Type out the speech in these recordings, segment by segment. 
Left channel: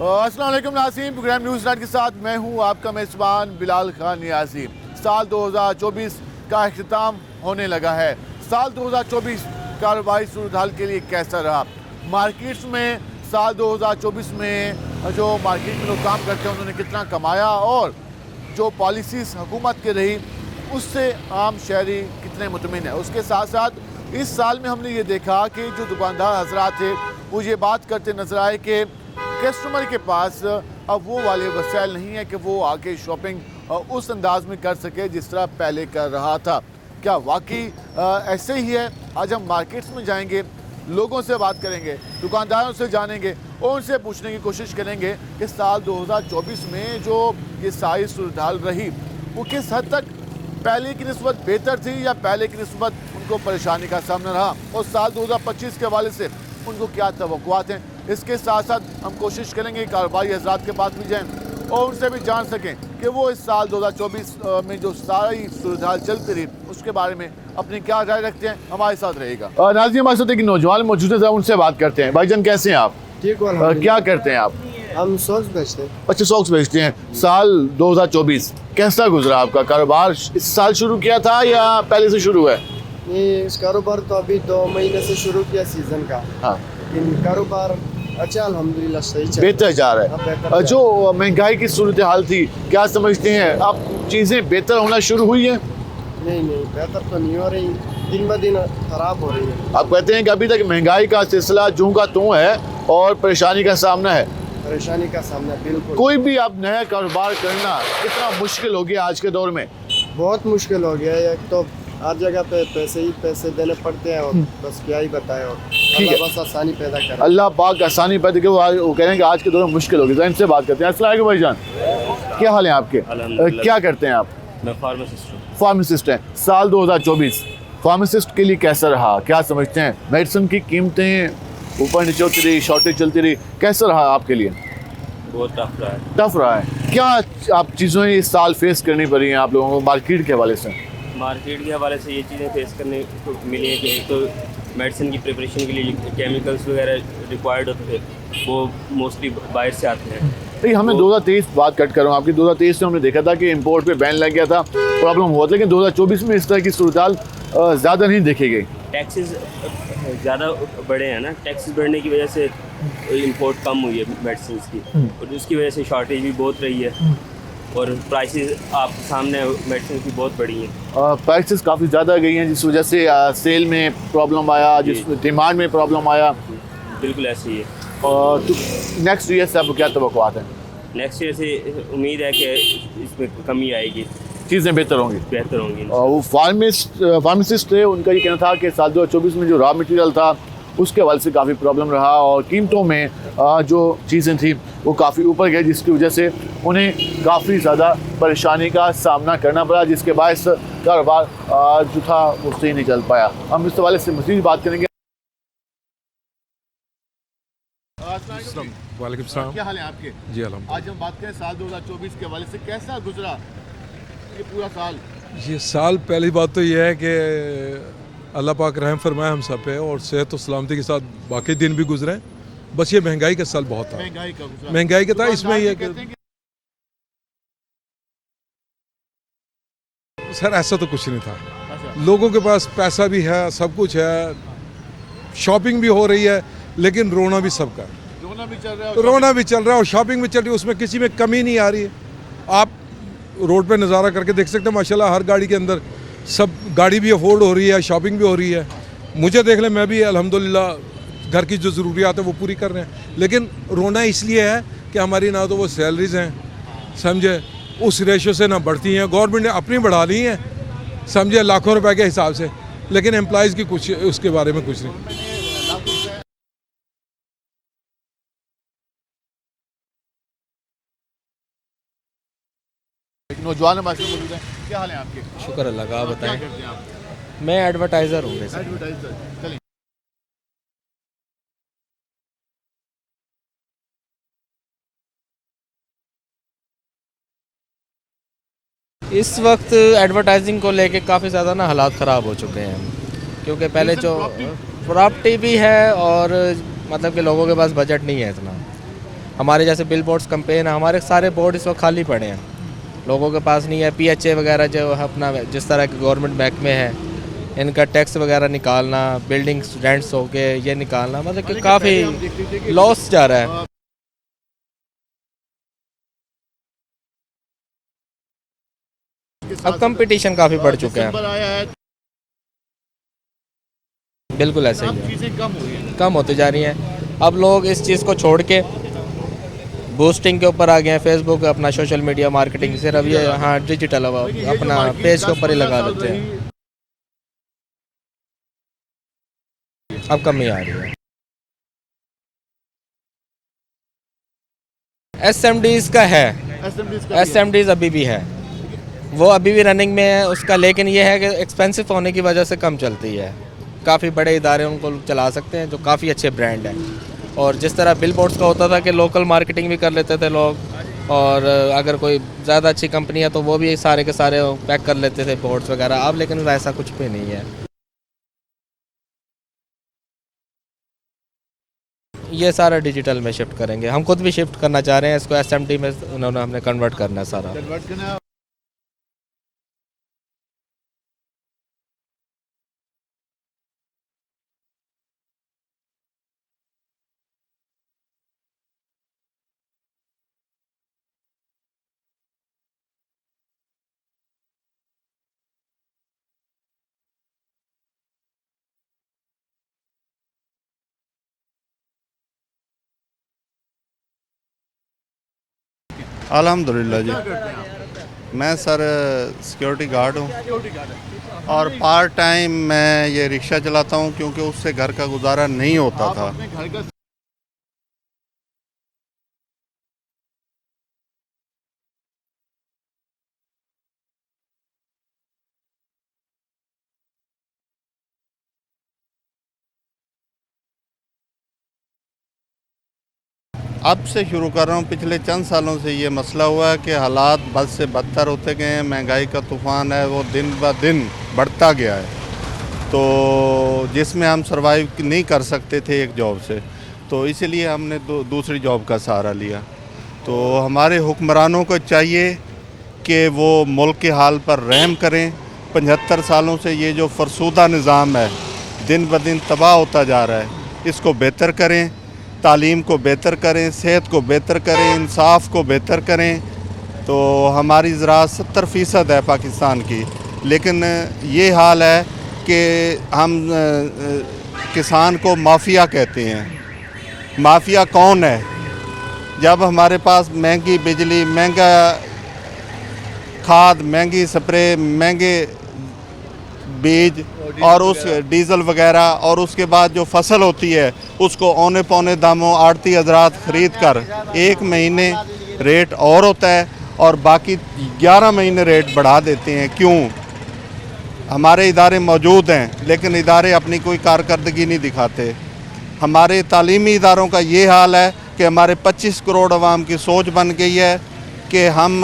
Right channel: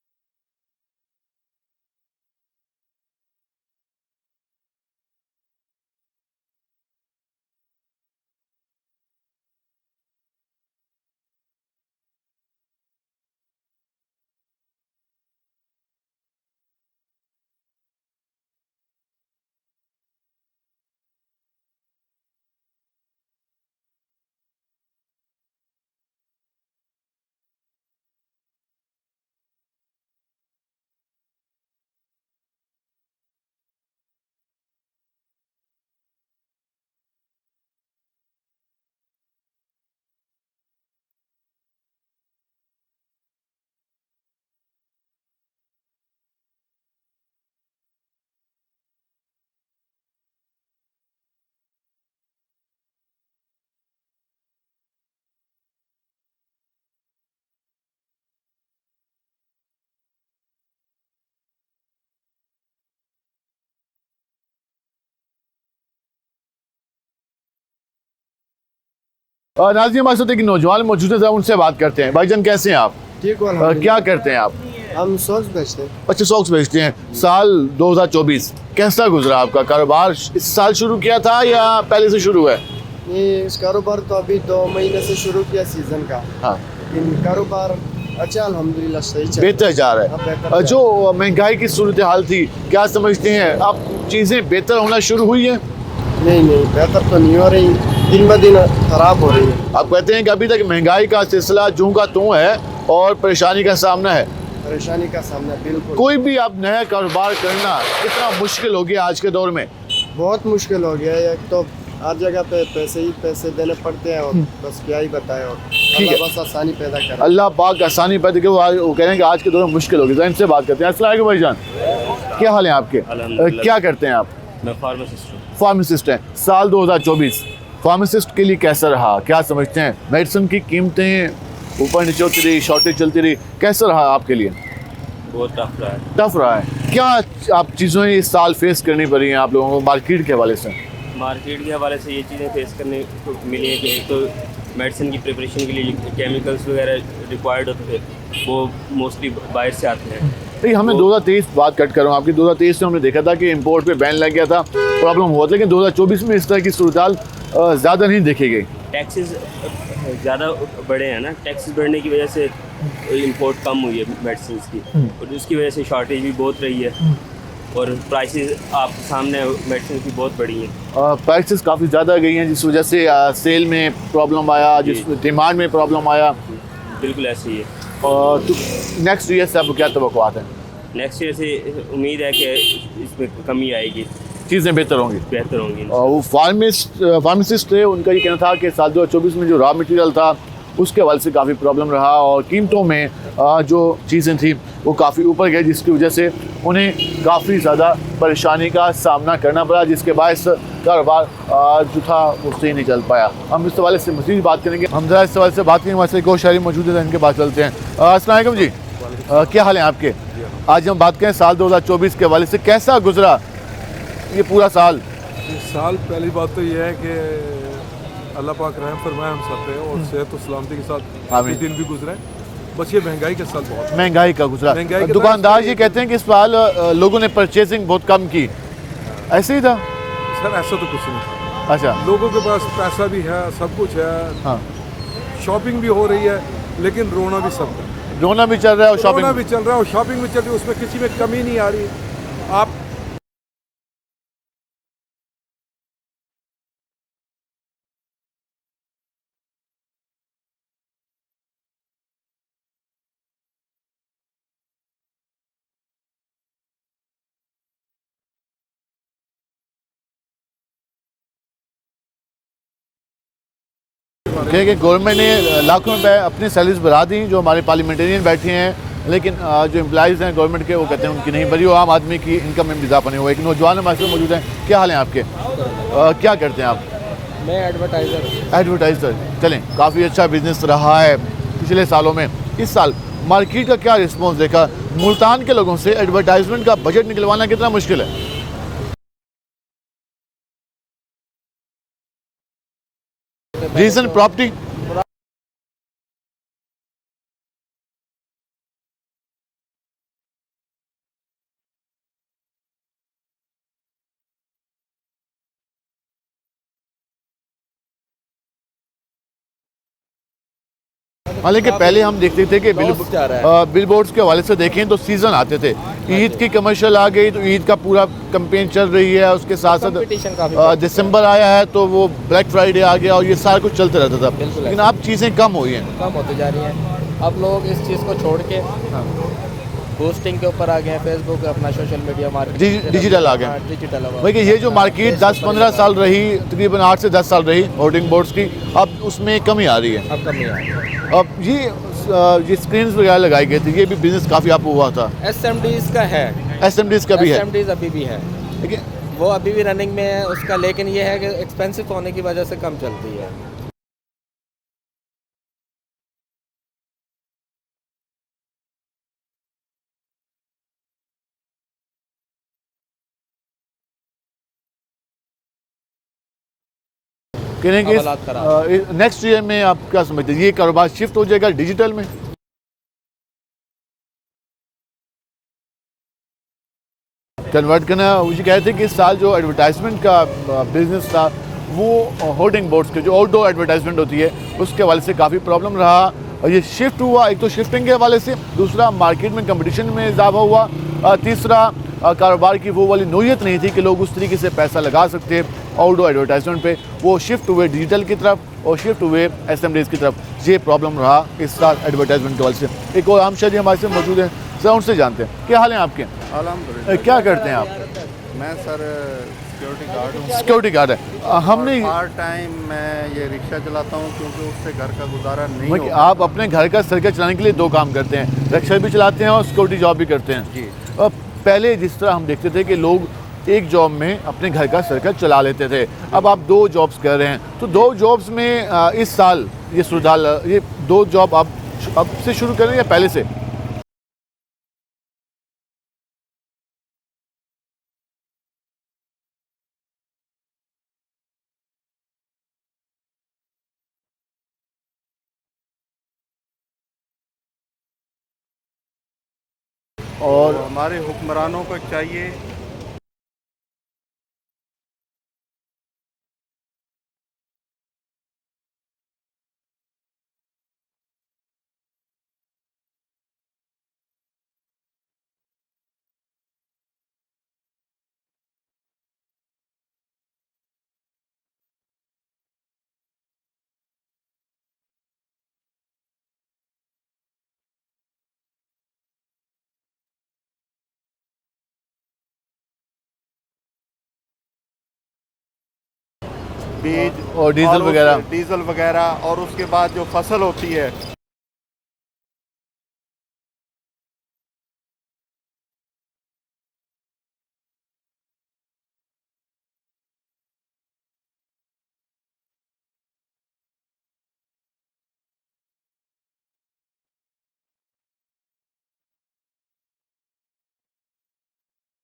अस्सलाम वालेकुम नाज़रीन, प्रोग्राम न्यूज़ नाइट के साथ मैं हूं आपका मेज़बान बिलाल खान नियाज़ी। साल 2024 का अख्ताम होने लगा है। साल 2024 कारोबारी सूरत हाल के लिए कैसा रहा? मार्केट्स में साल 2024 में जो मार्केट में लोग काम करते हैं उन्होंने कितना कमाया और जो पॉलिसीज़ हुकूमत की रही उससे आम शहरी कितने मुतमिन है। उसके साथ साथ इस साल में हमने ये देखा कि जो दुकानदार हजरात थे वो ये बात करते नजर आए कि कस्टमर के पास अब वो वाले वसाइल नहीं है कि वो आके शॉपिंग उस अंदाज में कर सके जिस तरह पहले कर रहा था। क्या वाकई ऐसे ही है? आज हम मार्केट्स में जाएंगे, लोगों से बात करेंगे, दुकानदारों से जानेंगे और उनसे पूछने की कोशिश करेंगे कि साल 2024 में जो ये सारी सूरत हाल रही वो किस हद तक पहले की निस्बत बेहतर थी या पहले की निस्बत उनको परेशानी का सामना रहा और साल 2025 के हवाले से उनको क्या तवक्कुआत हैं। इसके साथ साथ हम कोशिश करेंगे कारोबारी हजरात के पास भी जाएँ और उनसे भी जान सकें कि वो इस साल 2024 में जो सारी सूरत हाल चलती रही उसके बारे में अपनी क्या राय रखते हैं। हमारे साथ रहेगा नाज़रीन, हमारे साथ एक नौजवान मौजूद है, उनसे बात करते हैं। भाईजान कैसे हैं आप? ठीक, क्या करते हैं आप? हम सॉक्स बेचते हैं। अच्छा, सॉक्स बेचते हैं। साल 2024 कैसा गुजरा आपका कारोबार? इस साल शुरू किया था या पहले से शुरू है? ये इस कारोबार तो अभी 2 महीने से शुरू किया सीजन का। हाँ, इन कारोबार अच्छा अल्हम्दुलिल्लाह सही चल बेहतर जा रहा हाँ, है। बेहतर जा जो महंगाई की सूरत हाल थी, क्या समझते हैं अब चीज़ें बेहतर होना शुरू हुई हैं? नहीं बेहतर तो नहीं हो रही, दिन ब दिन खराब हो रही है। आप कहते हैं कि अभी तक महंगाई का सिलसिला जूं का त्यों है और परेशानी का सामना है। परेशानी का सामना बिल्कुल कोई भी अब नया कारोबार करना कितना मुश्किल हो गया आज के दौर में? बहुत मुश्किल हो गया है। एक तो हर जगह पे पैसे ही पैसे देने पड़ते हैं और बस क्या ही बताए। और है। अल्लाह बस आसानी पैदा करे। अल्लाह पाक आसानी पैदा करे। वो कह रहे हैं कि आज के दौर में मुश्किल हो गई। इनसे बात करते हैं। अस्सलाम वालेकुम भाईजान, क्या हाल है आपके? क्या करते हैं आप? मैं फार्मासिस्ट हूँ। फार्मासिस्ट हैं। साल 2024 फार्मासिस्ट के लिए कैसा रहा? क्या समझते हैं? मेडिसिन की कीमतें ऊपर नीचे होती रही, शॉर्टेज चलती रही, कैसा रहा आपके लिए? बहुत टफ रहा है। टफ रहा है। क्या आप चीज़ें इस साल फेस करनी पड़ी हैं आप लोगों को मार्केट के हवाले से? मार्केट के हवाले से ये चीज़ें फेस करने को मिली हैं कि एक तो मेडिसिन की प्रिपरेशन के लिए केमिकल्स वगैरह रिक्वायर्ड होते थे वो मोस्टली बाहर से आते हैं। नहीं, हमें 2023 बात कट कर रहा हूँ आपकी। 2023 में हमने देखा था कि इंपोर्ट पे बैन लग गया था, प्रॉब्लम हुआ था, लेकिन 2024 में इस तरह की सूरत हाल ज़्यादा नहीं देखी गई। टैक्सेस ज़्यादा बढ़े हैं ना, टैक्सेस बढ़ने की वजह से इंपोर्ट कम हुई है मेडिसिन की और उसकी वजह से शॉर्टेज भी बहुत रही है और प्राइसेस आप सामने मेडिसिन की बहुत बढ़ी हैं। प्राइसेस काफ़ी ज़्यादा गई हैं जिस वजह से सेल में प्रॉब्लम आया, जिस डिमांड में प्रॉब्लम आया। बिल्कुल ऐसे ही है। तो नेक्स्ट ईयर से आपको क्या तवक्कुआत हैं? नेक्स्ट ईयर से उम्मीद है कि इसमें कमी आएगी, चीज़ें बेहतर होंगी। बेहतर होंगी। और वो फार्मासिस्ट थे, उनका ये कहना था कि साल 2024 में जो रॉ मटेरियल था उसके हवाले से काफ़ी प्रॉब्लम रहा और कीमतों में जो चीज़ें थी वो काफ़ी ऊपर गई, जिसकी वजह से उन्हें काफ़ी ज़्यादा परेशानी का सामना करना पड़ा, जिसके बायस कारोबार जो था वो सही नहीं चल पाया। हम इस हवाले से मज़ीद बात करेंगे। हम ज़रा इस हवाले से बात करेंगे। हमारे को शायरी मौजूद है, इनके बात चलते हैं। अस्सलाम वालेकुम जी, क्या हाल है आपके? आज हम बात करें साल 2024 के हवाले से, कैसा गुजरा ये पूरा साल? जी, साल पहली बात तो ये है कि अल्लाह पाक रहम फरमाए हम सब पे और सेहत और सलामती के साथ बाकी दिन भी गुजरे। बस ये महंगाई का साल बहुत है। महंगाई का गुजरा। महंगाई का दुकानदार जी कहते हैं कि इस साल लोगों ने परचेजिंग बहुत कम की, ऐसे ही था? सर ऐसा तो कुछ नहीं था। अच्छा, लोगों के पास पैसा भी है, सब कुछ है, हाँ, शॉपिंग भी हो रही है, लेकिन रोना भी सबका है। रोना भी चल रहा है और रोना शॉपिंग भी चल रहा है और शॉपिंग भी चल रही है, उसमें किसी में कमी नहीं आ रही है। आप रोड पे नज़ारा करके देख सकते हैं, माशाल्लाह हर गाड़ी के अंदर सब गाड़ी भी अफोर्ड हो रही है, शॉपिंग भी हो रही है। मुझे देख लें, मैं भी अल्हम्दुलिल्लाह घर की जो ज़रूरियात है वो पूरी कर रहे हैं, लेकिन रोना इसलिए है कि हमारी ना तो वो सैलरीज हैं, समझे, उस रेशो से ना बढ़ती हैं। गवर्नमेंट ने अपनी बढ़ा ली हैं, समझे, लाखों रुपए के हिसाब से, लेकिन एम्प्लॉइज़ की कुछ उसके बारे में गवर्नमेंट ने लाखों रुपए अपनी सैलरीज बढ़ा दी। जो हमारे पार्लियामेंटेरियन बैठे हैं, लेकिन जो एम्प्लॉइज़ हैं गवर्नमेंट के वो कहते हैं उनकी नहीं बढ़ी, वो आम आदमी की इनकम में इजाफा नहीं हुआ। एक नौजवान हमारे साथ मौजूद हैं। क्या हाल है आपके? क्या करते हैं आप? मैं एडवर्टाइज़र हूँ। एडवर्टाइज़र। चलें, काफ़ी अच्छा बिजनेस रहा है पिछले सालों में। इस साल मार्केट का क्या रिस्पॉन्स देखा? मुल्तान के लोगों से एडवर्टाइजमेंट का बजट निकलवाना कितना मुश्किल है? इस वक्त एडवर्टाइजिंग को लेके काफ़ी ज़्यादा ना हालात ख़राब हो चुके हैं, क्योंकि पहले रीज़न प्रॉपर्टी भी है और मतलब कि लोगों के पास बजट नहीं है इतना। हमारे जैसे बिल बोर्ड्स कैंपेन है, हमारे सारे बोर्ड इस वक्त खाली पड़े हैं, लोगों के पास नहीं है। PHA वगैरह जो अपना जिस तरह के गवर्नमेंट महकमे हैं, इनका टैक्स वगैरह निकालना, बिल्डिंग रेंट्स हो गए ये निकालना, मतलब हालांकि पहले हम देखते थे कि लॉस जा रहा है। बिल बोर्ड्स के हवाले से देखें तो सीज़न आते थे, ईद की कमर्शियल आ गई तो ईद का पूरा कैंपेन चल रही है, उसके साथ साथ कंपटीशन काफ़ी बढ़ चुका है। दिसंबर आया है तो वो ब्लैक फ्राइडे आ गया और ये सारा कुछ चलता रहता था। बिल्कुल लेकिन ऐसे। अब चीज़ें कम हुई हैं। कम होती जा रही हैं। अब लोग इस चीज़ को छोड़ के बूस्टिंग के ऊपर आ गए हैं, फेसबुक अपना सोशल मीडिया मार्केटिंग डिजिटल आ गए। हाँ डिजिटल हुआ। भाई ये जो अपना मार्केट पेज के ऊपर 10-15 ही साल लगा रही, तकरीबन 8 से 10 साल रही होर्डिंग बोर्ड्स की, अब उसमें कमी आ रही है। अब कमी आ गई। अब ये स्क्रीन्स वगैरह लगाई गई थी, ये भी बिजनेस काफ़ी अप हुआ था। SMDs का है, SMDs का भी है, SMDs अभी भी है, ठीक है। वो अभी भी रनिंग में है उसका, लेकिन ये है कि एक्सपेंसिव होने की वजह से कम चलती है। काफ़ी बड़े इदारे उनको चला सकते हैं जो काफ़ी अच्छे ब्रांड हैं। और जिस तरह बिल बोर्ड्स का होता था कि लोकल मार्केटिंग भी कर लेते थे लोग, और अगर कोई ज़्यादा अच्छी कंपनी है तो वो भी सारे के सारे पैक कर लेते थे बोर्ड्स वगैरह। अब लेकिन ऐसा कुछ भी नहीं है। कहेंगे नेक्स्ट ईयर में आप क्या समझते हैं, ये कारोबार शिफ्ट हो जाएगा डिजिटल में? ये सारा डिजिटल में शिफ्ट करेंगे, हम खुद भी शिफ्ट करना चाह रहे हैं इसको। SMD में उन्होंने हमने कन्वर्ट करना है सारा। कन्वर्ट करना। मुझे कहते हैं कि इस साल जो एडवर्टाइजमेंट का बिजनेस था वो होर्डिंग बोर्ड्स के जो आउटडोर एडवर्टाइजमेंट होती है उसके हवाले से काफ़ी प्रॉब्लम रहा, और ये शिफ्ट हुआ। एक तो शिफ्टिंग के हवाले से, दूसरा मार्केट में कंपटीशन में इजाफा हुआ, तीसरा कारोबार की वो वाली नोयत नहीं थी कि लोग उस तरीके से पैसा लगा सकते आउटडोर एडवर्टाइजमेंट पे। वो शिफ्ट हुए डिजिटल की तरफ और शिफ्ट हुए SMDs की तरफ। ये प्रॉब्लम रहा इस साल एडवर्टाइजमेंट के हवाले से। एक और आम शहरी हमारे से मौजूद हैं, सर उनसे जानते हैं क्या हाल है आपके? अल्हम्दुलिल्लाह। क्या करते हैं आप? मैं सर सिक्योरिटी गार्ड हूँ सिक्योरिटी गार्ड है। और हमने पार्ट टाइम मैं ये रिक्शा चलाता हूँ क्योंकि उससे घर का गुजारा नहीं होता आप था। अपने घर का सर्कल चलाने के लिए दो काम करते हैं, रिक्शा भी चलाते हैं और सिक्योरिटी जॉब भी करते हैं जी। पहले जिस तरह हम देखते थे कि लोग एक जॉब में अपने घर का सर्कल चला लेते थे, अब आप 2 जॉब्स कर रहे हैं, तो 2 जॉब्स में इस साल ये सुधार, ये 2 जॉब आप अब से शुरू करें या पहले से? अब से शुरू कर रहा हूँ। पिछले चंद सालों से ये मसला हुआ है कि हालात बद से बदतर होते गए हैं। महंगाई का तूफ़ान है वो दिन ब दिन बढ़ता गया है, तो जिसमें हम सर्वाइव नहीं कर सकते थे एक जॉब से, तो इसीलिए हमने दूसरी जॉब का सहारा लिया। और हमारे हुक्मरानों को चाहिए कि वो मुल्क के हाल पर रहम करें। 75 सालों से ये जो फरसूदा निज़ाम है दिन ब दिन तबाह होता जा रहा है, इसको बेहतर करें, तालीम को बेहतर करें, सेहत को बेहतर करें, इंसाफ को बेहतर करें। तो हमारी ज़राअत 70% है पाकिस्तान की, लेकिन ये हाल है कि हम किसान को माफिया कहते हैं। माफिया कौन है? जब हमारे पास महंगी बिजली, महंगा खाद, महंगी स्प्रे, महंगे बीज और डीजल वगैरह, और उसके बाद जो फसल होती है उसको औने पौने दामों आड़ती हजरात ख़रीद कर 1 महीने रेट और होता है और बाकी 11 महीने रेट बढ़ा देते हैं। क्यों? हमारे इदारे मौजूद हैं लेकिन इदारे अपनी कोई कारकर्दगी नहीं दिखाते। हमारे तालीमी इदारों का ये हाल है कि हमारे 25 करोड़ अवाम की सोच बन गई है कि हम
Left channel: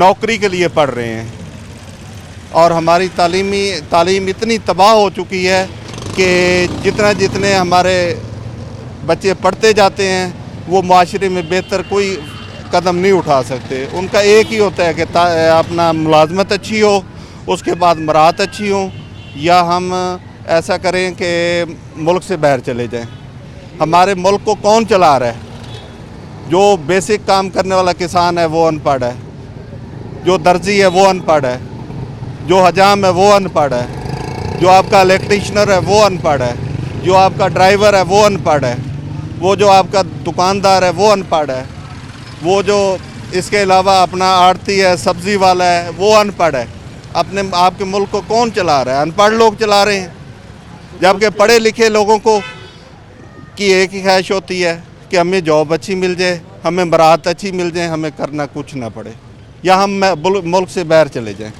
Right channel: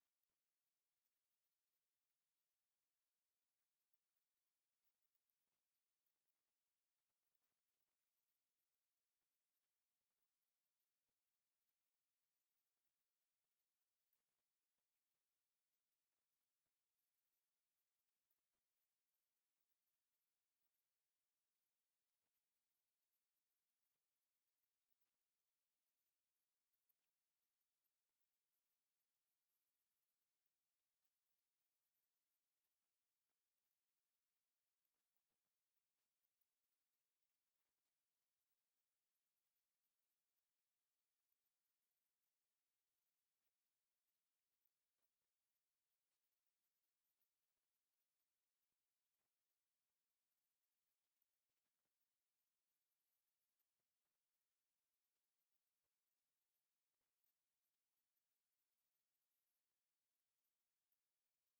नौकरी के लिए पढ़ रहे हैं, और हमारी तालीम इतनी तबाह हो चुकी है कि जितने हमारे बच्चे पढ़ते जाते हैं वो माशरे में बेहतर कोई कदम नहीं उठा सकते। उनका एक ही होता है कि अपना मुलाजमत अच्छी हो, उसके बाद मराहत अच्छी हो, या हम ऐसा करें कि मुल्क से बाहर चले जाएं। हमारे मुल्क को कौन चला रहा है? जो बेसिक काम करने वाला किसान है वो अनपढ़ है, जो दर्जी है वो अनपढ़ है, जो हजाम है वो अनपढ़ है, जो आपका इलेक्ट्रीशनर है वो अनपढ़ है, जो आपका ड्राइवर है वो अनपढ़ है, वो जो आपका दुकानदार है वो अनपढ़ है, वो जो इसके अलावा अपना आड़ती है, सब्ज़ी वाला है, वो अनपढ़ है। अपने आपके मुल्क को कौन चला रहा है? अनपढ़ लोग चला रहे हैं। जबकि पढ़े लिखे लोगों को की एक ही ख्वाहिश होती है कि हमें जॉब अच्छी मिल जाए, हमें बरात अच्छी मिल जाए, हमें करना कुछ ना पड़े, या हम मुल्क से बाहर चले जाएं।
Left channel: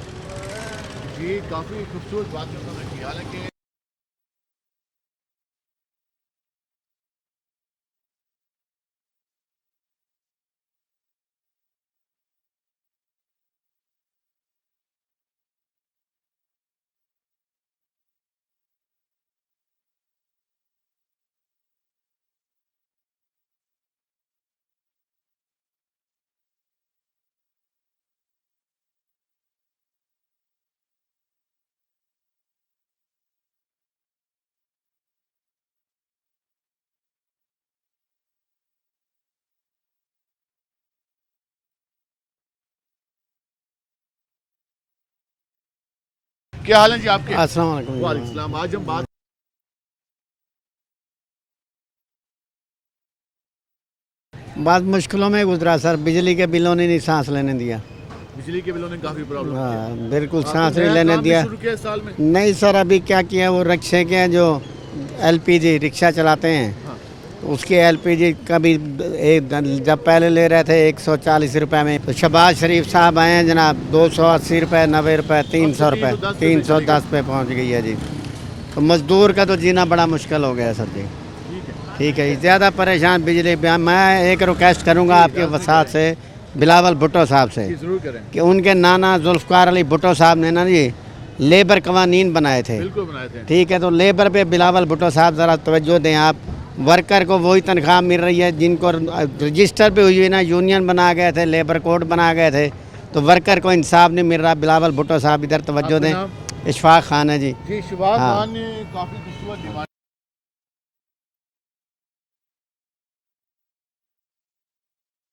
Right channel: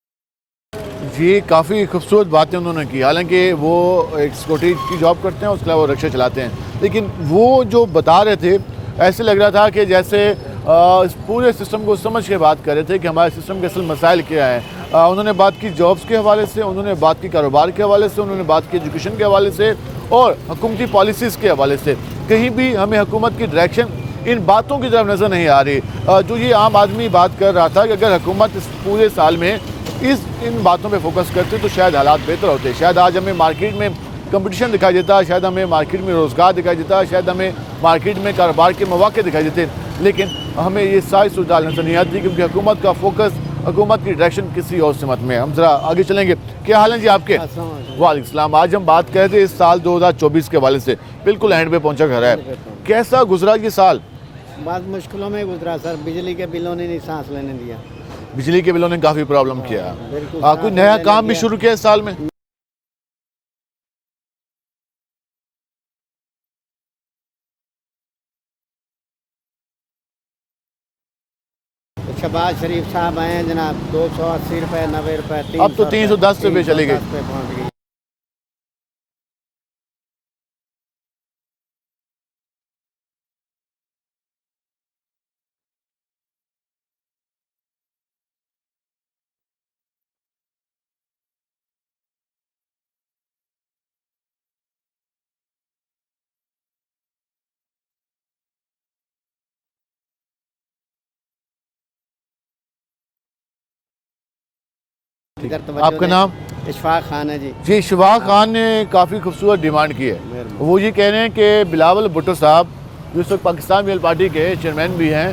जी, काफ़ी खूबसूरत बातें उन्होंने की। हालांकि वो एक सिक्योरिटी की जॉब करते हैं, उसके अलावा वो रिक्शा चलाते हैं, लेकिन वो जो बता रहे थे ऐसे लग रहा था कि जैसे इस पूरे सिस्टम को समझ के बात कर रहे थे कि हमारे सिस्टम के असल मसाइल क्या हैं। उन्होंने बात की जॉब्स के हवाले से, उन्होंने बात की कारोबार के हवाले से, उन्होंने बात की एजुकेशन के हवाले से और हुकूमती पॉलिसीज़ के हवाले से। कहीं भी हमें हुकूमत की डायरेक्शन इन बातों की तरफ नज़र नहीं आ रही। जो ये आम आदमी बात कर रहा था कि अगर हुकूमत इस पूरे साल में इन बातों पे फोकस करते तो शायद हालात बेहतर होते, शायद आज हमें मार्केट में कंपटीशन दिखाई देता, शायद हमें मार्केट में रोज़गार दिखाई देता, शायद हमें मार्केट में कारोबार के मौके दिखाई देते, लेकिन हमें ये सारी सूरत नज़र नहीं आती क्योंकि हुकूमत का फोकस, हुकूमत की डायरेक्शन किसी और सिमत में। हम ज़रा आगे चलेंगे। क्या हाल है जी आपके? वालेकुम सलाम। आज हम बात कर रहे थे इस साल 2024 के हवाले से, बिल्कुल एंड पे पहुँचा घर है, कैसा गुजरा ये साल? बहुत मुश्किलों में गुजरा सर, बिजली के बिलों ने नहीं सांस लेने दिया। बिजली के बिलों ने काफ़ी प्रॉब्लम किया। बिल्कुल आपको सांस नया नहीं काम भी लेने शुरू किया इस साल में? दिया। नहीं सर, अभी क्या किया, वो रिक्शे के जो LPG रिक्शा चलाते हैं उसके LPG कभी जब पहले ले रहे थे 140 रुपए में, तो शहबाज शरीफ साहब आए हैं जनाब 280 रुपए, 90 रुपए, 300 रुपए, 310 पे पहुँच गई है जी। तो मजदूर का तो जीना बड़ा मुश्किल हो गया है सर जी। ठीक है, ज़्यादा परेशान बिजली। मैं एक रिक्वेस्ट करूँगा आपके वसात से बिलावल भुट्टो साहब से कि उनके नाना जुल्फ़कार अली भुट्टो साहब ने ना जी लेबर कवानीन बनाए थे, ठीक है, तो लेबर पे बिलावल भुट्टो साहब ज़रा तवज्जो दें आप। वर्कर को वही तनख्वाह मिल रही है जिनको रजिस्टर पे हुई है ना, यूनियन बना गए थे, लेबर कोड बना गए थे, तो वर्कर को इंसाफ नहीं मिल रहा। बिलावल भुट्टो साहब इधर तवज्जो दें। नाम? इशफाक खान है जी। जी, इशफाक खान ने काफ़ी खूबसूरत डिमांड की है। वो ये कह रहे हैं कि बिलावल भुट्टो साहब जो इस वक्त पाकिस्तान पीपल्स पार्टी के चेयरमैन भी हैं,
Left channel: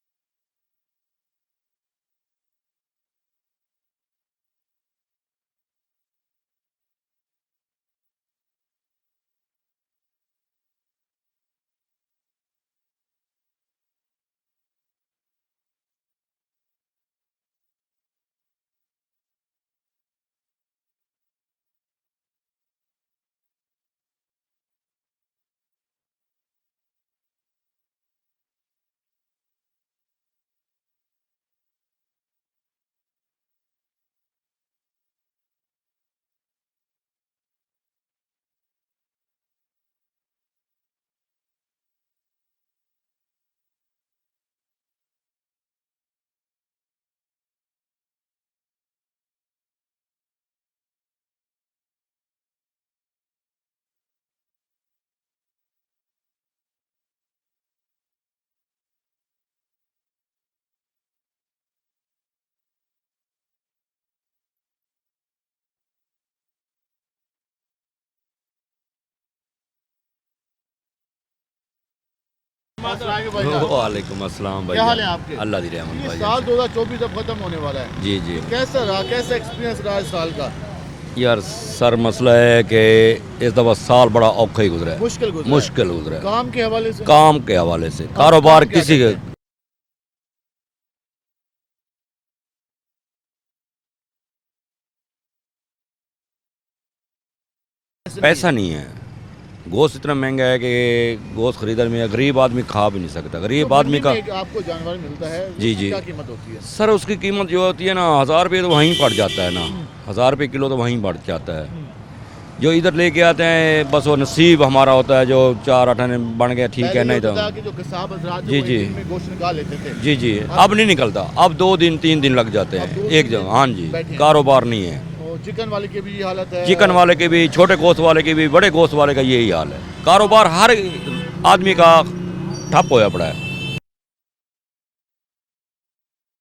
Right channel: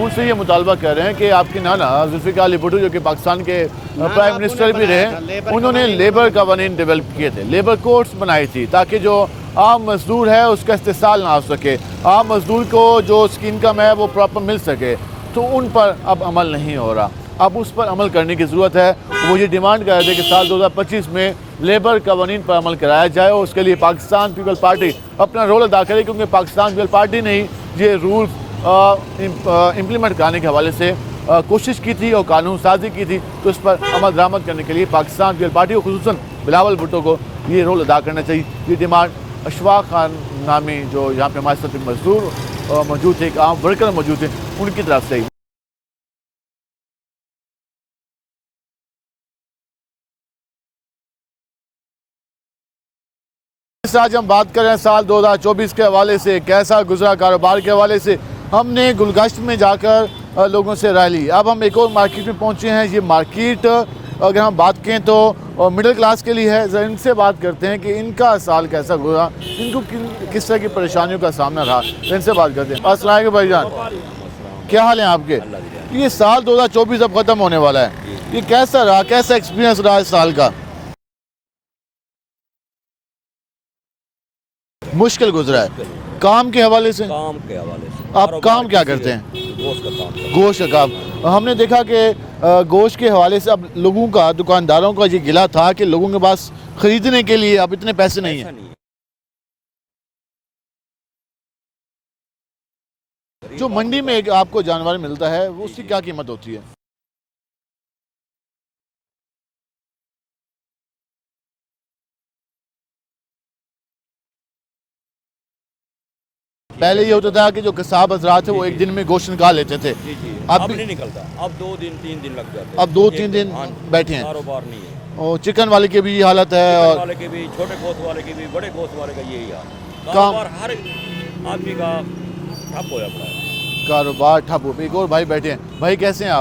उनसे ये मुतालबा कर रहे हैं कि आपके नाना जुल्फ़िकार अली भुट्टो जो कि पाकिस्तान के प्राइम मिनिस्टर भी रहे, उन्होंने लेबर कवानीन डेवलप किए थे, लेबर कोड्स बनाई थी ताकि जो आम मजदूर है उसका इस्तेसाल ना हो सके, आम मजदूर को जो उसकी इनकम है वो प्रॉपर मिल सके, तो उन पर अब अमल नहीं हो रहा। अब उस पर अमल करने की ज़रूरत है। वो ये डिमांड कर रहे थे कि साल 2025 में लेबर कवानीन पर अमल कराया जाए और उसके लिए पाकिस्तान पीपल्स पार्टी अपना रोल अदा करे, क्योंकि पाकिस्तान पीपल्स पार्टी ने ही ये रूल इम्प्लीमेंट कराने के हवाले से कोशिश की थी और कानून साजी की थी, तो इस पर अमल दरामद करने के लिए पाकिस्तान पीपल्स पार्टी को खुसूसन बिलावल भुट्टो को ये रोल अदा करना चाहिए। ये डिमांड इशफाक खान नामी जो यहाँ पे हमारे साथ मजदूर मौजूद थे, एक आम वर्कर मौजूद थे, उनकी तरफ से। आज हम बात कर रहे हैं साल 2024 के हवाले से, कैसा गुजरा कारोबार के हवाले से। हमने गुलगश्त में जाकर लोगों से राय ली। अब हम एक और मार्केट में पहुंचे हैं। ये मार्केट अगर हम बात करें तो मिडिल क्लास के लिए है। ज़रा इनसे बात करते हैं कि इनका साल कैसा गुजरा, इनको किस तरह की परेशानियों का सामना रहा, इनसे बात करते हैं। अस्सलाम वालेकुम भाईजान। वालेकुम अस्सलाम। क्या हाल है आपके? अल्लाह दी रहमत। ये साल 2024 अब ख़त्म होने वाला है, जी जी। ये कैसा रहा, कैसा एक्सपीरियंस रहा इस साल का? यार सर मसला है कि इस दफ़ा साल बड़ा औखा ही गुजरा है, मुश्किल गुजरा है। मुश्किल गुजरा है। काम के हवाले से? काम के हवाले से आप कारोबार काम क्या किसी करते के हैं? गोश्त का काम। गोश्त का काम। हमने देखा कि गोश्त के हवाले से अब लोगों का, दुकानदारों का ये गिला था कि लोगों के पास खरीदने के लिए अब इतने पैसे नहीं है। गोश्त इतना महंगा है कि गोश्त खरीदने में गरीब आदमी खा भी नहीं सकता। गरीब आदमी का आपको जानवर मिलता है, जी उसकी जी क्या कीमत होती है? सर उसकी कीमत जो होती है ना 1000 रुपये तो वहीं पड़ जाता है ना, 1000 रुपये किलो तो वहीं पड़ जाता है। जो इधर लेके आते हैं बस वो नसीब हमारा होता है, जो 4 आने बन गया ठीक पहले है। ये होता था कि जो कसाब हजरात थे वो जी, एक जी। दिन में गोश्त निकाल लेते थे। जी जी, अब नहीं निकलता, अब 2 दिन 3 दिन लग जाते हैं। अब 2-3 एक दिन हाँ जी, बैठे हैं। कारोबार नहीं है। और चिकन वाले की भी ये हालत है, चिकन वाले की भी, छोटे गोश्त वाले की भी, बड़े गोश्त वाले का यही हाल है। कारोबार हर आदमी का ठप होया पड़ा है। कारोबार ठप हो। एक और भाई बैठे हैं। भाई कैसे हैं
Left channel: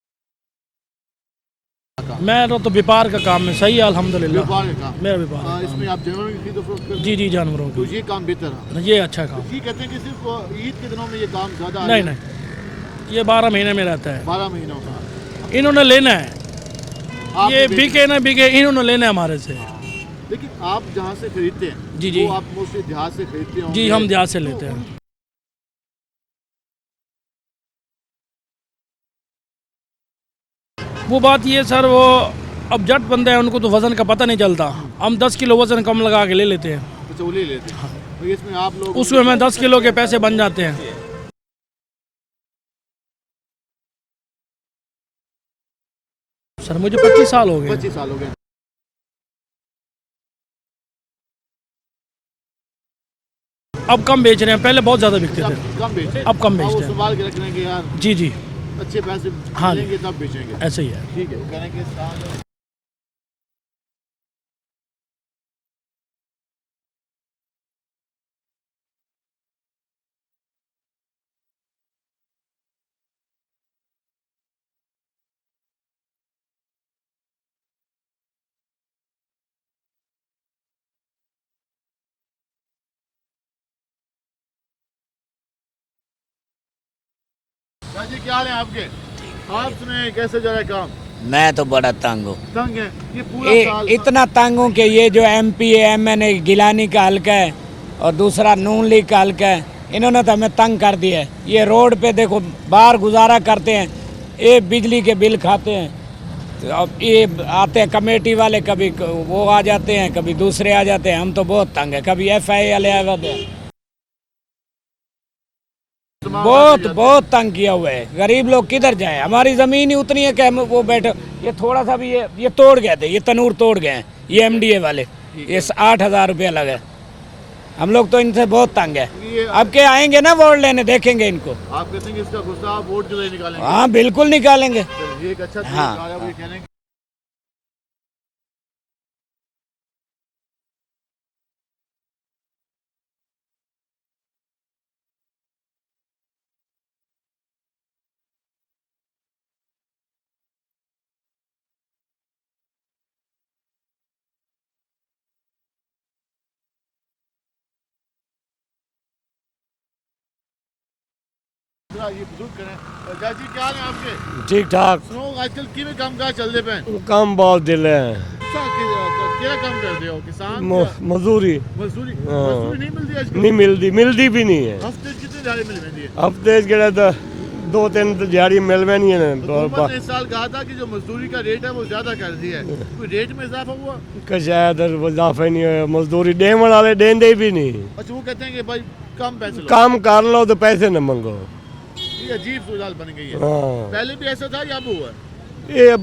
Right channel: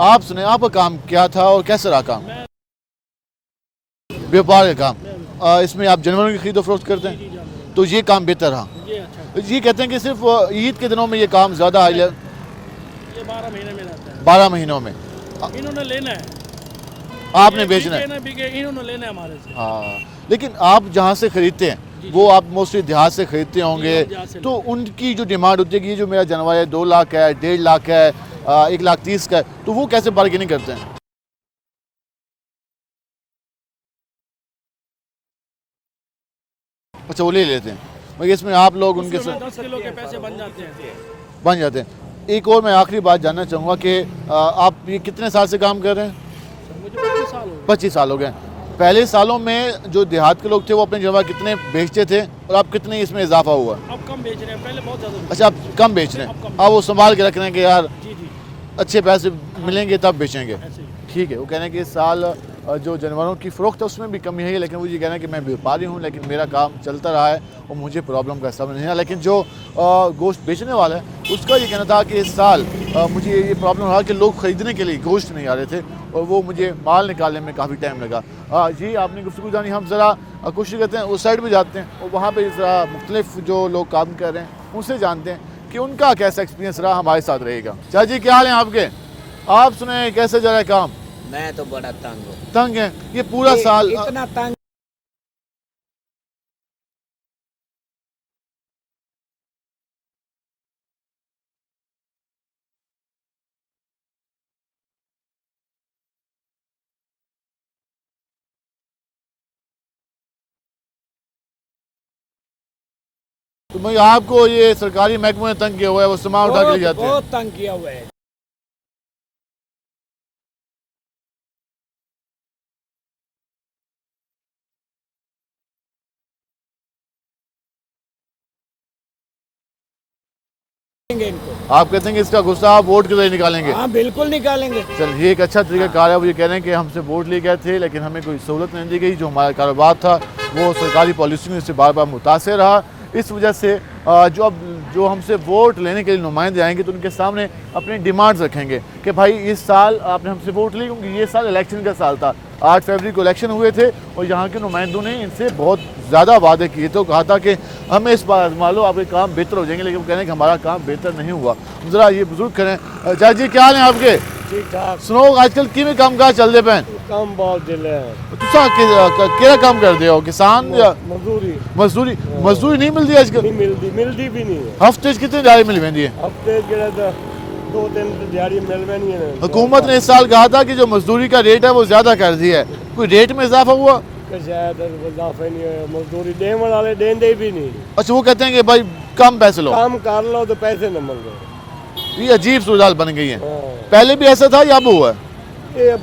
आप सुने, आपका काम क्या था और कैसे रहा काम? मैं तो व्यापार का काम में सही है अल्हम्दुलिल्लाह। व्यापार का काम। मेरा व्यापार। इसमें आप जानवरों की खरीद फरोख्त करते हैं? जी जानवरों तो ये काम बेहतर रहा? ये अच्छा काम। ये कहते हैं कि सिर्फ ईद के दिनों में ये काम ज़्यादा नहीं, है? नहीं, ये 12 महीने में रहता है। 12 महीनों में इन्होंने लेना है, आपने ये बेचना बिके है। ना बिके इन्होंने लेना है हमारे से। हाँ, लेकिन आप जहाँ से खरीदते हैं जी, वो जी। आप मोस्टली देहात से खरीदते होंगे। जी, हम देहात से तो लेते हैं। उनकी जो डिमांड होती है कि ये जो मेरा जानवर है 2 लाख है, 1.5 लाख है, 1,30,000 का है, तो वो कैसे बार्गेनिंग करते हैं? वो बात ये सर, वो अब जट बंदे हैं, उनको तो वजन का पता नहीं चलता। हम 10 किलो वजन कम लगा के ले लेते हैं। अच्छा, वो ले लेते हैं। और इसमें आप लोग उसमें हमें 10 किलो के पैसे बन जाते हैं। बन जाते हैं। एक और मैं आखिरी बात जानना चाहूँगा कि आप ये कितने साल से काम कर रहे हैं? सर मुझे 25 साल हो गए। 25 साल हो गए। पहले सालों में जो देहात के लोग थे वो अपने जानवर कितने बेचते थे और अब कितने इसमें इजाफा हुआ? अब कम बेच रहे हैं, पहले बहुत ज़्यादा बिकते अच्छा, अब थे। कम बेच रहे हैं। अब कम वो बेच संभाल के रख रहे हैं कि यार। जी जी। अच्छे पैसे मिलेंगे तब बेचेंगे। ऐसे ही है। ठीक है, वो कह रहे हैं कि इस साल जो जानवरों की फ़रोख्त है उसमें भी कमी है, लेकिन वो ये कह रहे हैं कि मैं व्यापारी हूँ लेकिन मेरा काम चलता रहा है और मुझे प्रॉब्लम का समझ नहीं है। लेकिन जो गोश्त बेचने वाला है उसका ये कहना था कि इस साल मुझे ये प्रॉब्लम रहा कि लोग ख़रीदने के लिए गोश्त नहीं आ रहे थे और वो मुझे माल निकालने में काफ़ी टाइम लगा। जी आपने गुफ्तगू जानी, हम ज़रा कोशिश करते हैं उस साइड में जाते हैं और वहाँ पर ज़रा मुख्तलिफ जो लोग काम कर रहे हैं उनसे जानते हैं कि उनका कैसा एक्सपीरियंस रहा, हमारे साथ रहेगा। चाचा जी क्या हाल है आपके? आप सुने कैसे जा रहा है काम? मैं तो बड़ा तंग हूँ। तंग है ये पूरा साल? इतना तंग हूँ कि ये जो MP है MN गिलानी का हल्का है और दूसरा नून लीग का हल्का है, इन्होंने तो हमें तंग कर दिया है। ये रोड पे देखो बाहर गुजारा करते हैं, ये बिजली के बिल खाते हैं, तो अब ये आते हैं कमेटी वाले, कभी वो आ जाते हैं कभी दूसरे आ जाते हैं। हम तो बहुत तंग है, कभी FI वाले आ जाते हैं। तो भाई आपको ये सरकारी महकमे ने तंग किया हुआ है, वो बहुत तंग किया हुआ है। गरीब लोग किधर जाए? हमारी ज़मीन ही उतनी है कि हम वो बैठे, ये थोड़ा सा भी ये तोड़ गए थे, ये तनूर तोड़ गए हैं ये MDA वाले, ये 8,000 रुपया लगे। हम लोग तो इनसे बहुत तंग है। अब के आएंगे ना वोट लेने, देखेंगे इनको। आप कहते हैं कि इसका गुस्सा आप वोट के जरिए निकालेंगे? हाँ बिल्कुल निकालेंगे। चल ये एक अच्छा तरीका है। वो ये कह रहे हैं कि हमसे वोट ले गए थे लेकिन हमें कोई सहूलत नहीं दी गई, जो हमारा कारोबार था वो सरकारी पॉलिसी में से बार बार मुतासिर रहा। इस वजह से जो हमसे वोट लेने के लिए नुमाइंदे आएंगे तो उनके सामने अपनी डिमांड्स रखेंगे कि भाई इस साल आपने हमसे वोट ली, क्योंकि ये साल इलेक्शन का साल था। 8 फरवरी को इलेक्शन हुए थे और यहाँ के नुमाइंदों ने इनसे बहुत ज़्यादा वादे किए, तो कहा था कि हमें इस बार आजमा लो, आपके काम बेहतर हो जाएंगे। लेकिन वो कह रहे हैं कि हमारा काम बेहतर नहीं हुआ। ज़रा ये बुजुर्ग करें। चाचा जी क्या हाल है आपके? ठीक ठाक। सुनो आजकल किमें काम काज चलते पे? काम बहुत दिल है। केड़ा काम करते हो? किसान या मजदूरी? मजदूरी नहीं मिलती आजकल? नहीं मिलती भी नहीं है। हफ्ते कितने दिहाड़ी मिल रही है? हफ्ते तो 2-3 दिहाड़ी मिल नहीं है। हुकूमत ने इस साल कहा था कि जो मजदूरी का रेट है वो ज्यादा कर दिया है, कोई रेट में इजाफा हुआ? शायद इजाफा नहीं है, मजदूरी देने वाले देंदे भी नहीं। अच्छा वो कहते हैं कि भाई कम पैसे लो, काम कर लो तो पैसे न मांगो। ये अजीब सूरत बन गई है। पहले भी ऐसा था या अब हुआ? ये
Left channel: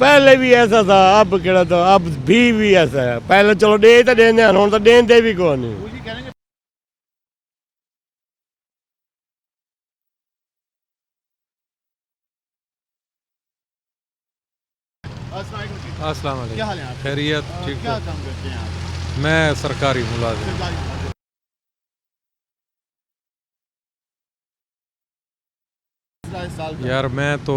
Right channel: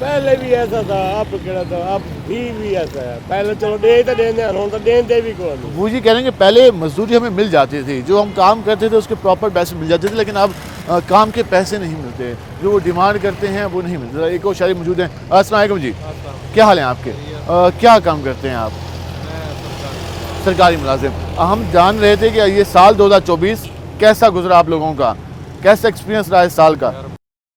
पहले भी ऐसा था, अब केड़ा था, अब भी ऐसा है। पहले चलो दे तो देने, हम तो देंदे भी कौन। वो जी कह रहे हैं कि पहले मजदूरी हमें मिल जाती थी, जो हम काम करते थे उसके प्रॉपर पैसे मिल जाते थे, लेकिन अब काम के पैसे नहीं मिलते, जो वो डिमांड करते हैं वो नहीं मिलते। एक और शायरी मौजूद हैं। अस्सलाम वालेकुम जी। अस्सलाम वालेकुम। क्या हाल है आपके? क्या काम करते हैं आप? मैं सरकारी मुलाजिम। हम जान रहे थे कि ये साल 2024 कैसा गुजरा आप लोगों का, कैसा एक्सपीरियंस रहा इस साल का? यार मैं तो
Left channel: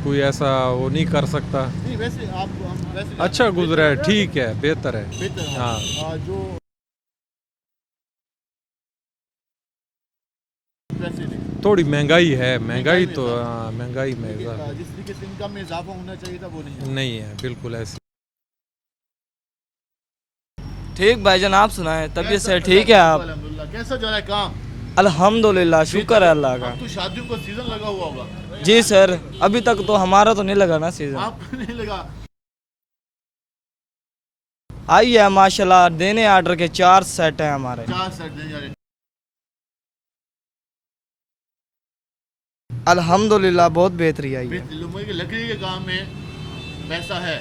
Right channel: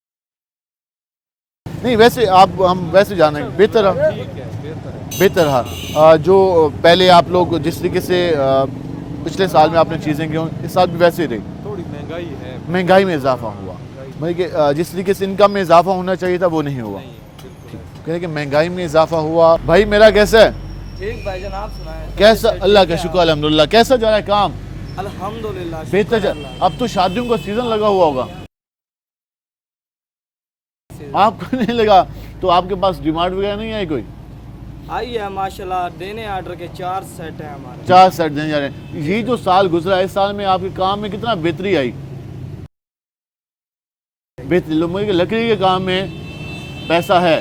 कोई ऐसा वो नहीं कर सकता। नहीं वैसे हम वैसे जान रहे हैं बेहतर है। ठीक है, बेहतर है। हाँ। जो पहले आप लोग जिस तरीके से पिछले साल में आपने चीज़ें की इस साल भी वैसे ही रही? थोड़ी महंगाई है, महंगाई में इजाफा हुआ। महंगाई जिस तरीके से इनकम में इजाफा होना चाहिए था वो नहीं हुआ। नहीं है, बिल्कुल ऐसे। कह रहे कि महंगाई में इजाफा हुआ। भाई मेरा कैसा है? ठीक भाईजान, आप सुनाएं? कैसा? अल्लाह का शुक्र अल्हम्दुलिल्लाह। कैसा जा रहा है काम? अल्हम्दुलिल्लाह, शुक्र है अल्लाह का। अब तो शादियों का सीजन लगा हुआ होगा? जी सर, अभी तक तो हमारा तो नहीं लगा ना सीजन। आपको नहीं लगा? तो आपके पास डिमांड वगैरह नहीं आई कोई? आई है माशाल्लाह, देने ऑर्डर के 4 सेट हैं हमारे। 4 सेट देने जा रहे हैं। ये जो साल गुजरा है, इस साल में आपके काम में कितना बेहतरी आई? अल्हम्दुलिल्लाह बहुत बेहतरी आई। बेहतरी लोगों के लकड़ी के काम में पैसा है,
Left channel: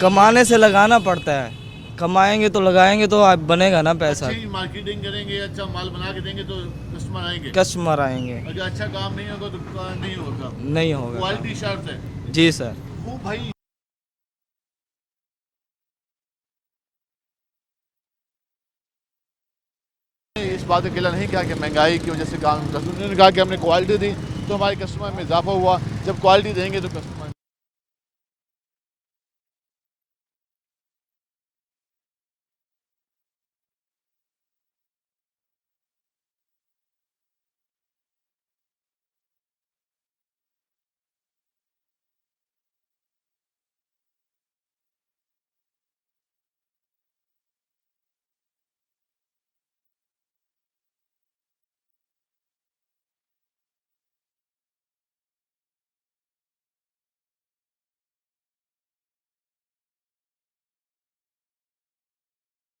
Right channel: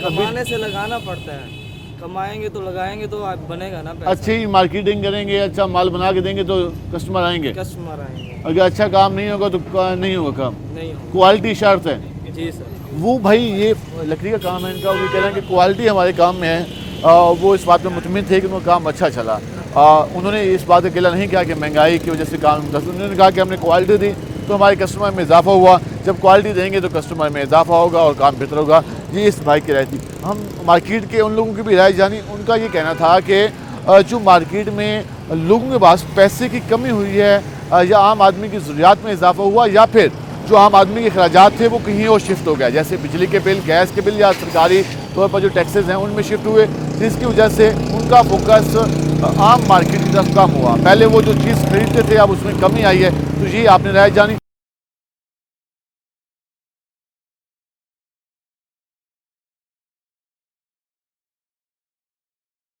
कमाने से लगाना पड़ता है, कमाएंगे तो लगाएंगे तो आप बनेगा ना पैसा। अच्छी मार्केटिंग करेंगे, अच्छा माल बना के देंगे तो कस्टमर आएंगे। अगर अच्छा काम नहीं होगा तो नहीं होगा काम, नहीं होगा। क्वालिटी शर्त है। जी सर। वो भाई ये लकड़ी का काम है इनका, वो कह रहे हैं कि क्वालिटी हमारे काम में है। वो इस बात में मुतमिन थे कि उनका काम अच्छा चला। उन्होंने इस बात को गिला नहीं किया कि महंगाई की वजह से काम, उन्होंने कहा कि हमने क्वालिटी दी तो हमारे कस्टमर में इजाफा हुआ, जब क्वालिटी देंगे तो कस्टमर में इजाफा होगा और काम बेहतर होगा। ये इस भाई की राय थी। हम मार्केट के उन लोगों की भी राय जानी। उनका ये कहना था कि जो मार्केट में लोगों के पास पैसे की कमी हुई है, या आम आदमी की ज़रूरियात में इजाफा हुआ, या फिर जो आम आदमी के अखराजात थे वो कहीं और शिफ्ट हो गया, जैसे बिजली के बिल, गैस के बिल, या सरकारी तौर पर जो टैक्सेस हैं उनमें शिफ्ट हुए, जिसकी वजह से उनका फोकस आम मार्केट की तरफ कम हुआ। पहले वो जो चीज़ खरीदते थे अब उसमें कमी आई है। तो ये आपने राय जानी।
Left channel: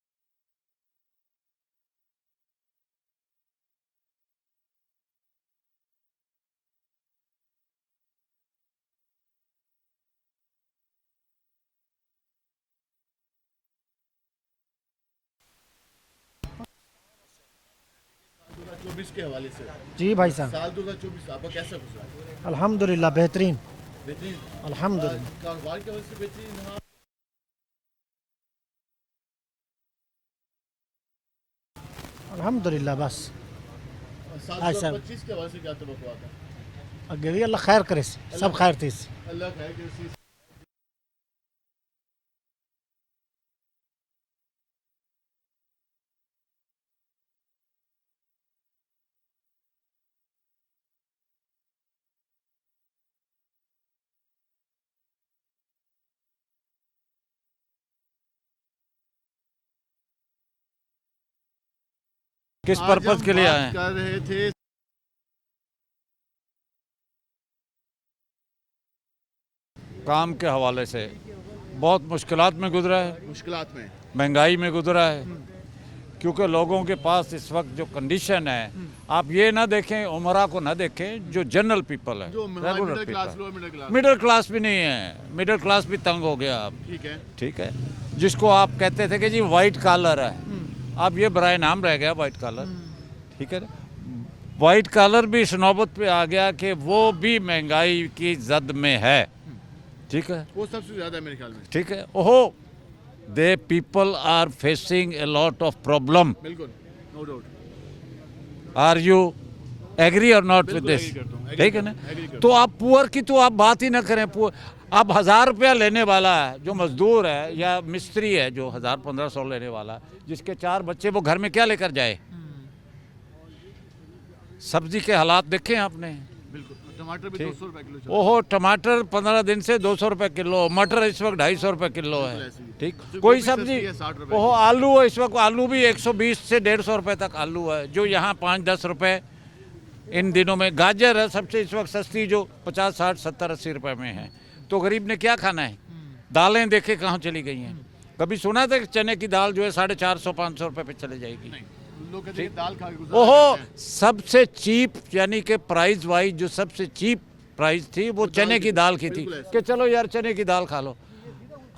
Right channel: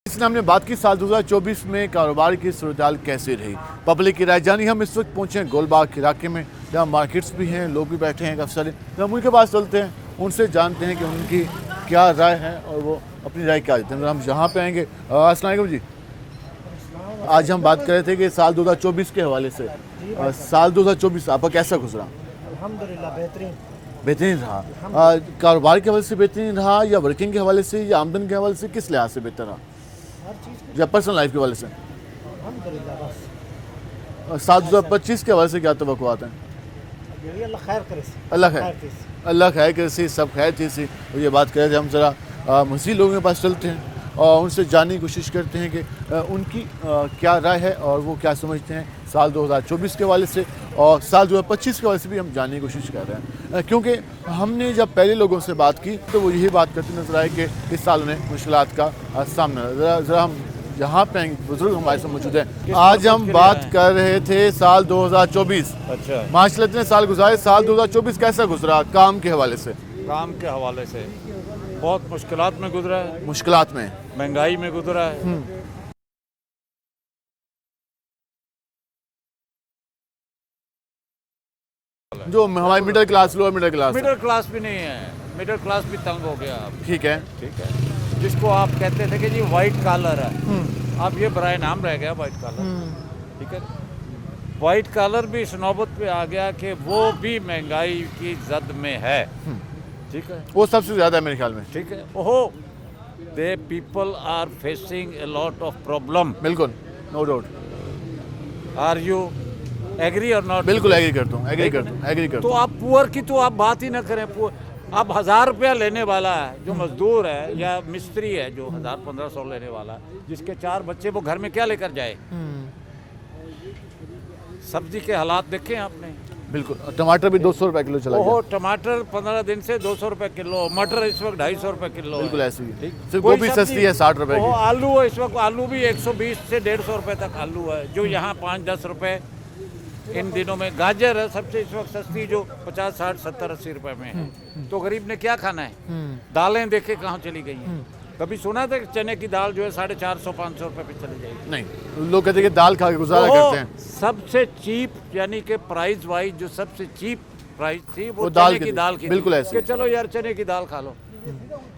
इसने हमने बात की साल 2024 में कारोबार की सूरत कैसे रही, पब्लिक की राय जानी। हम इस वक्त पहुंचे हैं गोलबाग इलाके में, जहाँ मार्केट्स भी हैं, लोग भी बैठे हैं काफ़ी सारे। हम उनके पास चलते हैं, उनसे जानते हैं कि उनकी क्या राय है और वो अपनी राय क्या देते हैं। हम यहाँ पे आएंगे। अस्सलाम वालेकुम जी। आज हम बात कर रहे थे कि साल 2024 के हवाले से। जी भाई साहब। साल 2024 आपका कैसा गुजरा? अल्हम्दुलिल्लाह बेहतरीन। बेहतरीन रहा। कारोबार के हवाले से बेहतरीन रहा या वर्किंग के हवाले से या आमदन के हवाले से, किस लिहाज से बेहतर रहा? या पर्सनल लाइफ के हवाले से? अल्हम्दुलिल्लाह बस। साल 2025 के हवाले से क्या तवक्कुआत हैं? अल्लाह खैर करे, अल्लाह सब खैर थी। अल्लाह खैर करे सी, सब खैर थी सी। तो ये बात कर रहे थे, हम ज़रा मज़ीद लोगों के पास चलते हैं और उनसे जानने की कोशिश करते हैं कि उनकी क्या राय है और वो क्या समझते हैं साल 2024 के हवाले से, और साल 2025 के हवाले से भी हम जानने की कोशिश कर रहे हैं। क्योंकि हमने जब पहले लोगों से बात की तो वो यही बात करते नजर आए कि इस साल उन्हें मुश्किलात का सामना। ज़रा हम यहाँ पे बुजुर्ग हमारे साथ मौजूद हैं। आज हम बात कर रहे थे साल 2024। अच्छा, माशाल्लाह इतने साल गुजारे, साल 2024 कैसा गुजरा काम के हवाले से? काम के हवाले से बहुत मुश्किलात में गुजरा है, मुश्किलात में, महंगाई में गुजरा है। क्योंकि लोगों के पास इस वक्त जो कंडीशन है, आप ये ना देखें, उमरा को ना देखें, जो जनरल पीपल है, जो हमारी middle class, lower middle class भी नहीं है, मिडिल क्लास भी तंग हो गया अब। ठीक है। जिसको आप कहते थे कि जी वाइट कॉलर है, अब ये बराए नाम रह गया वाइट कॉलर। ठीक है, वाइट कॉलर भी इस नौबत पे आ गया कि वो भी महंगाई की जद में है। ठीक है, वो सबसे ज़्यादा है मेरे ख्याल में। ठीक है, ओहो, the people are facing a lot of problem. बिल्कुल, no doubt. Are you agree or not? बिल्कुल एग्री करता हूँ, एग्री करता हूँ। तो आप पुअर की तो आप बात ही ना करें। अब 1000 रुपया लेने वाला है जो मजदूर है या मिस्त्री है जो 1000-1500 लेने वाला, जिसके 4 बच्चे, वो घर में क्या लेकर जाए? सब्जी के हालात देखे आपने? बिल्कुल। टमाटर भी 200 रुपए किलो चला ओहो, टमाटर 15 दिन से 200 रुपए किलो, मटर इस वक्त 250 रुपए किलो। बिल्कुल ऐसे ही। ठीक, सिर्फ गोभी सस्ती है 60 रुपए की। आलू है इस वक्त, आलू भी 120 से 150 रुपए तक आलू है, जो यहाँ 5-10 रुपए इन दिनों में। गाजर है सबसे इस वक्त सस्ती, जो 50, 60, 70, 80 रुपए में है। तो गरीब ने क्या खाना है? दालें देखे कहाँ चली गई हैं? कभी सुना था कि चने की दाल जो है 450-500 रुपए पे चली जाएगी? नहीं, लोग कहते हैं कि दाल खा के गुजारा करते हैं। सबसे चीप, यानी कि प्राइस वाइज जो सबसे चीप प्राइस थी वो दाल चने की दाल की। बिल्कुल थी ऐसे। कि चलो यार चने की दाल खा लो।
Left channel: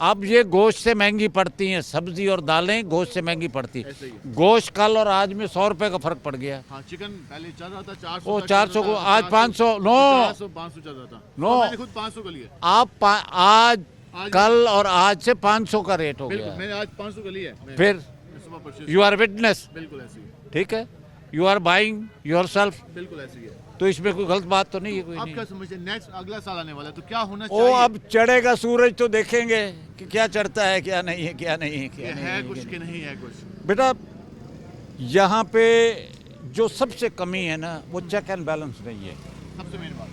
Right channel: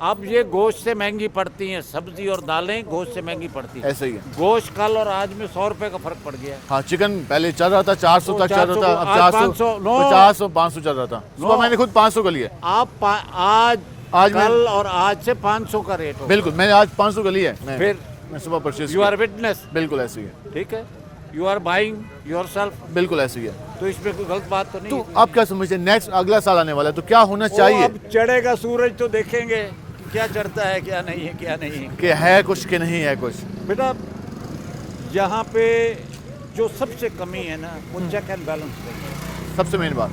अब ये गोश्त से महंगी पड़ती हैं, सब्जी और दालें गोश्त से महंगी पड़ती है। ऐसे ही है। गोश्त कल और आज में 100 रुपए का फर्क पड़ गया। हाँ, चिकन पहले चल रहा था 400 तक चल रहा था, अब 500, 50 और 500 चल रहा था। सुबह मैंने खुद 500 का लिया। आप आज कल और आज से 500 का रेट हो। बिल्कुल, मैंने आज 500 का लिया है। फिर मैं सुबह परचेज। You are witness. बिल्कुल ऐसे ही है। ठीक है, यू आर बाइंग योरसेल्फ। बिल्कुल ऐसे ही है। तो इसमें कोई गलत बात तो नहीं है। आप क्या समझते हैं नेक्स्ट अगला साल आने वाला है तो क्या होना चाहिए? अब चढ़ेगा सूरज तो देखेंगे कि क्या चढ़ता है, क्या नहीं है, क्या नहीं है, कि है कुछ कि नहीं है कुछ। बेटा यहाँ पे जो सबसे कमी है ना, वो चेक एंड बैलेंस नहीं है। सबसे मेन बात।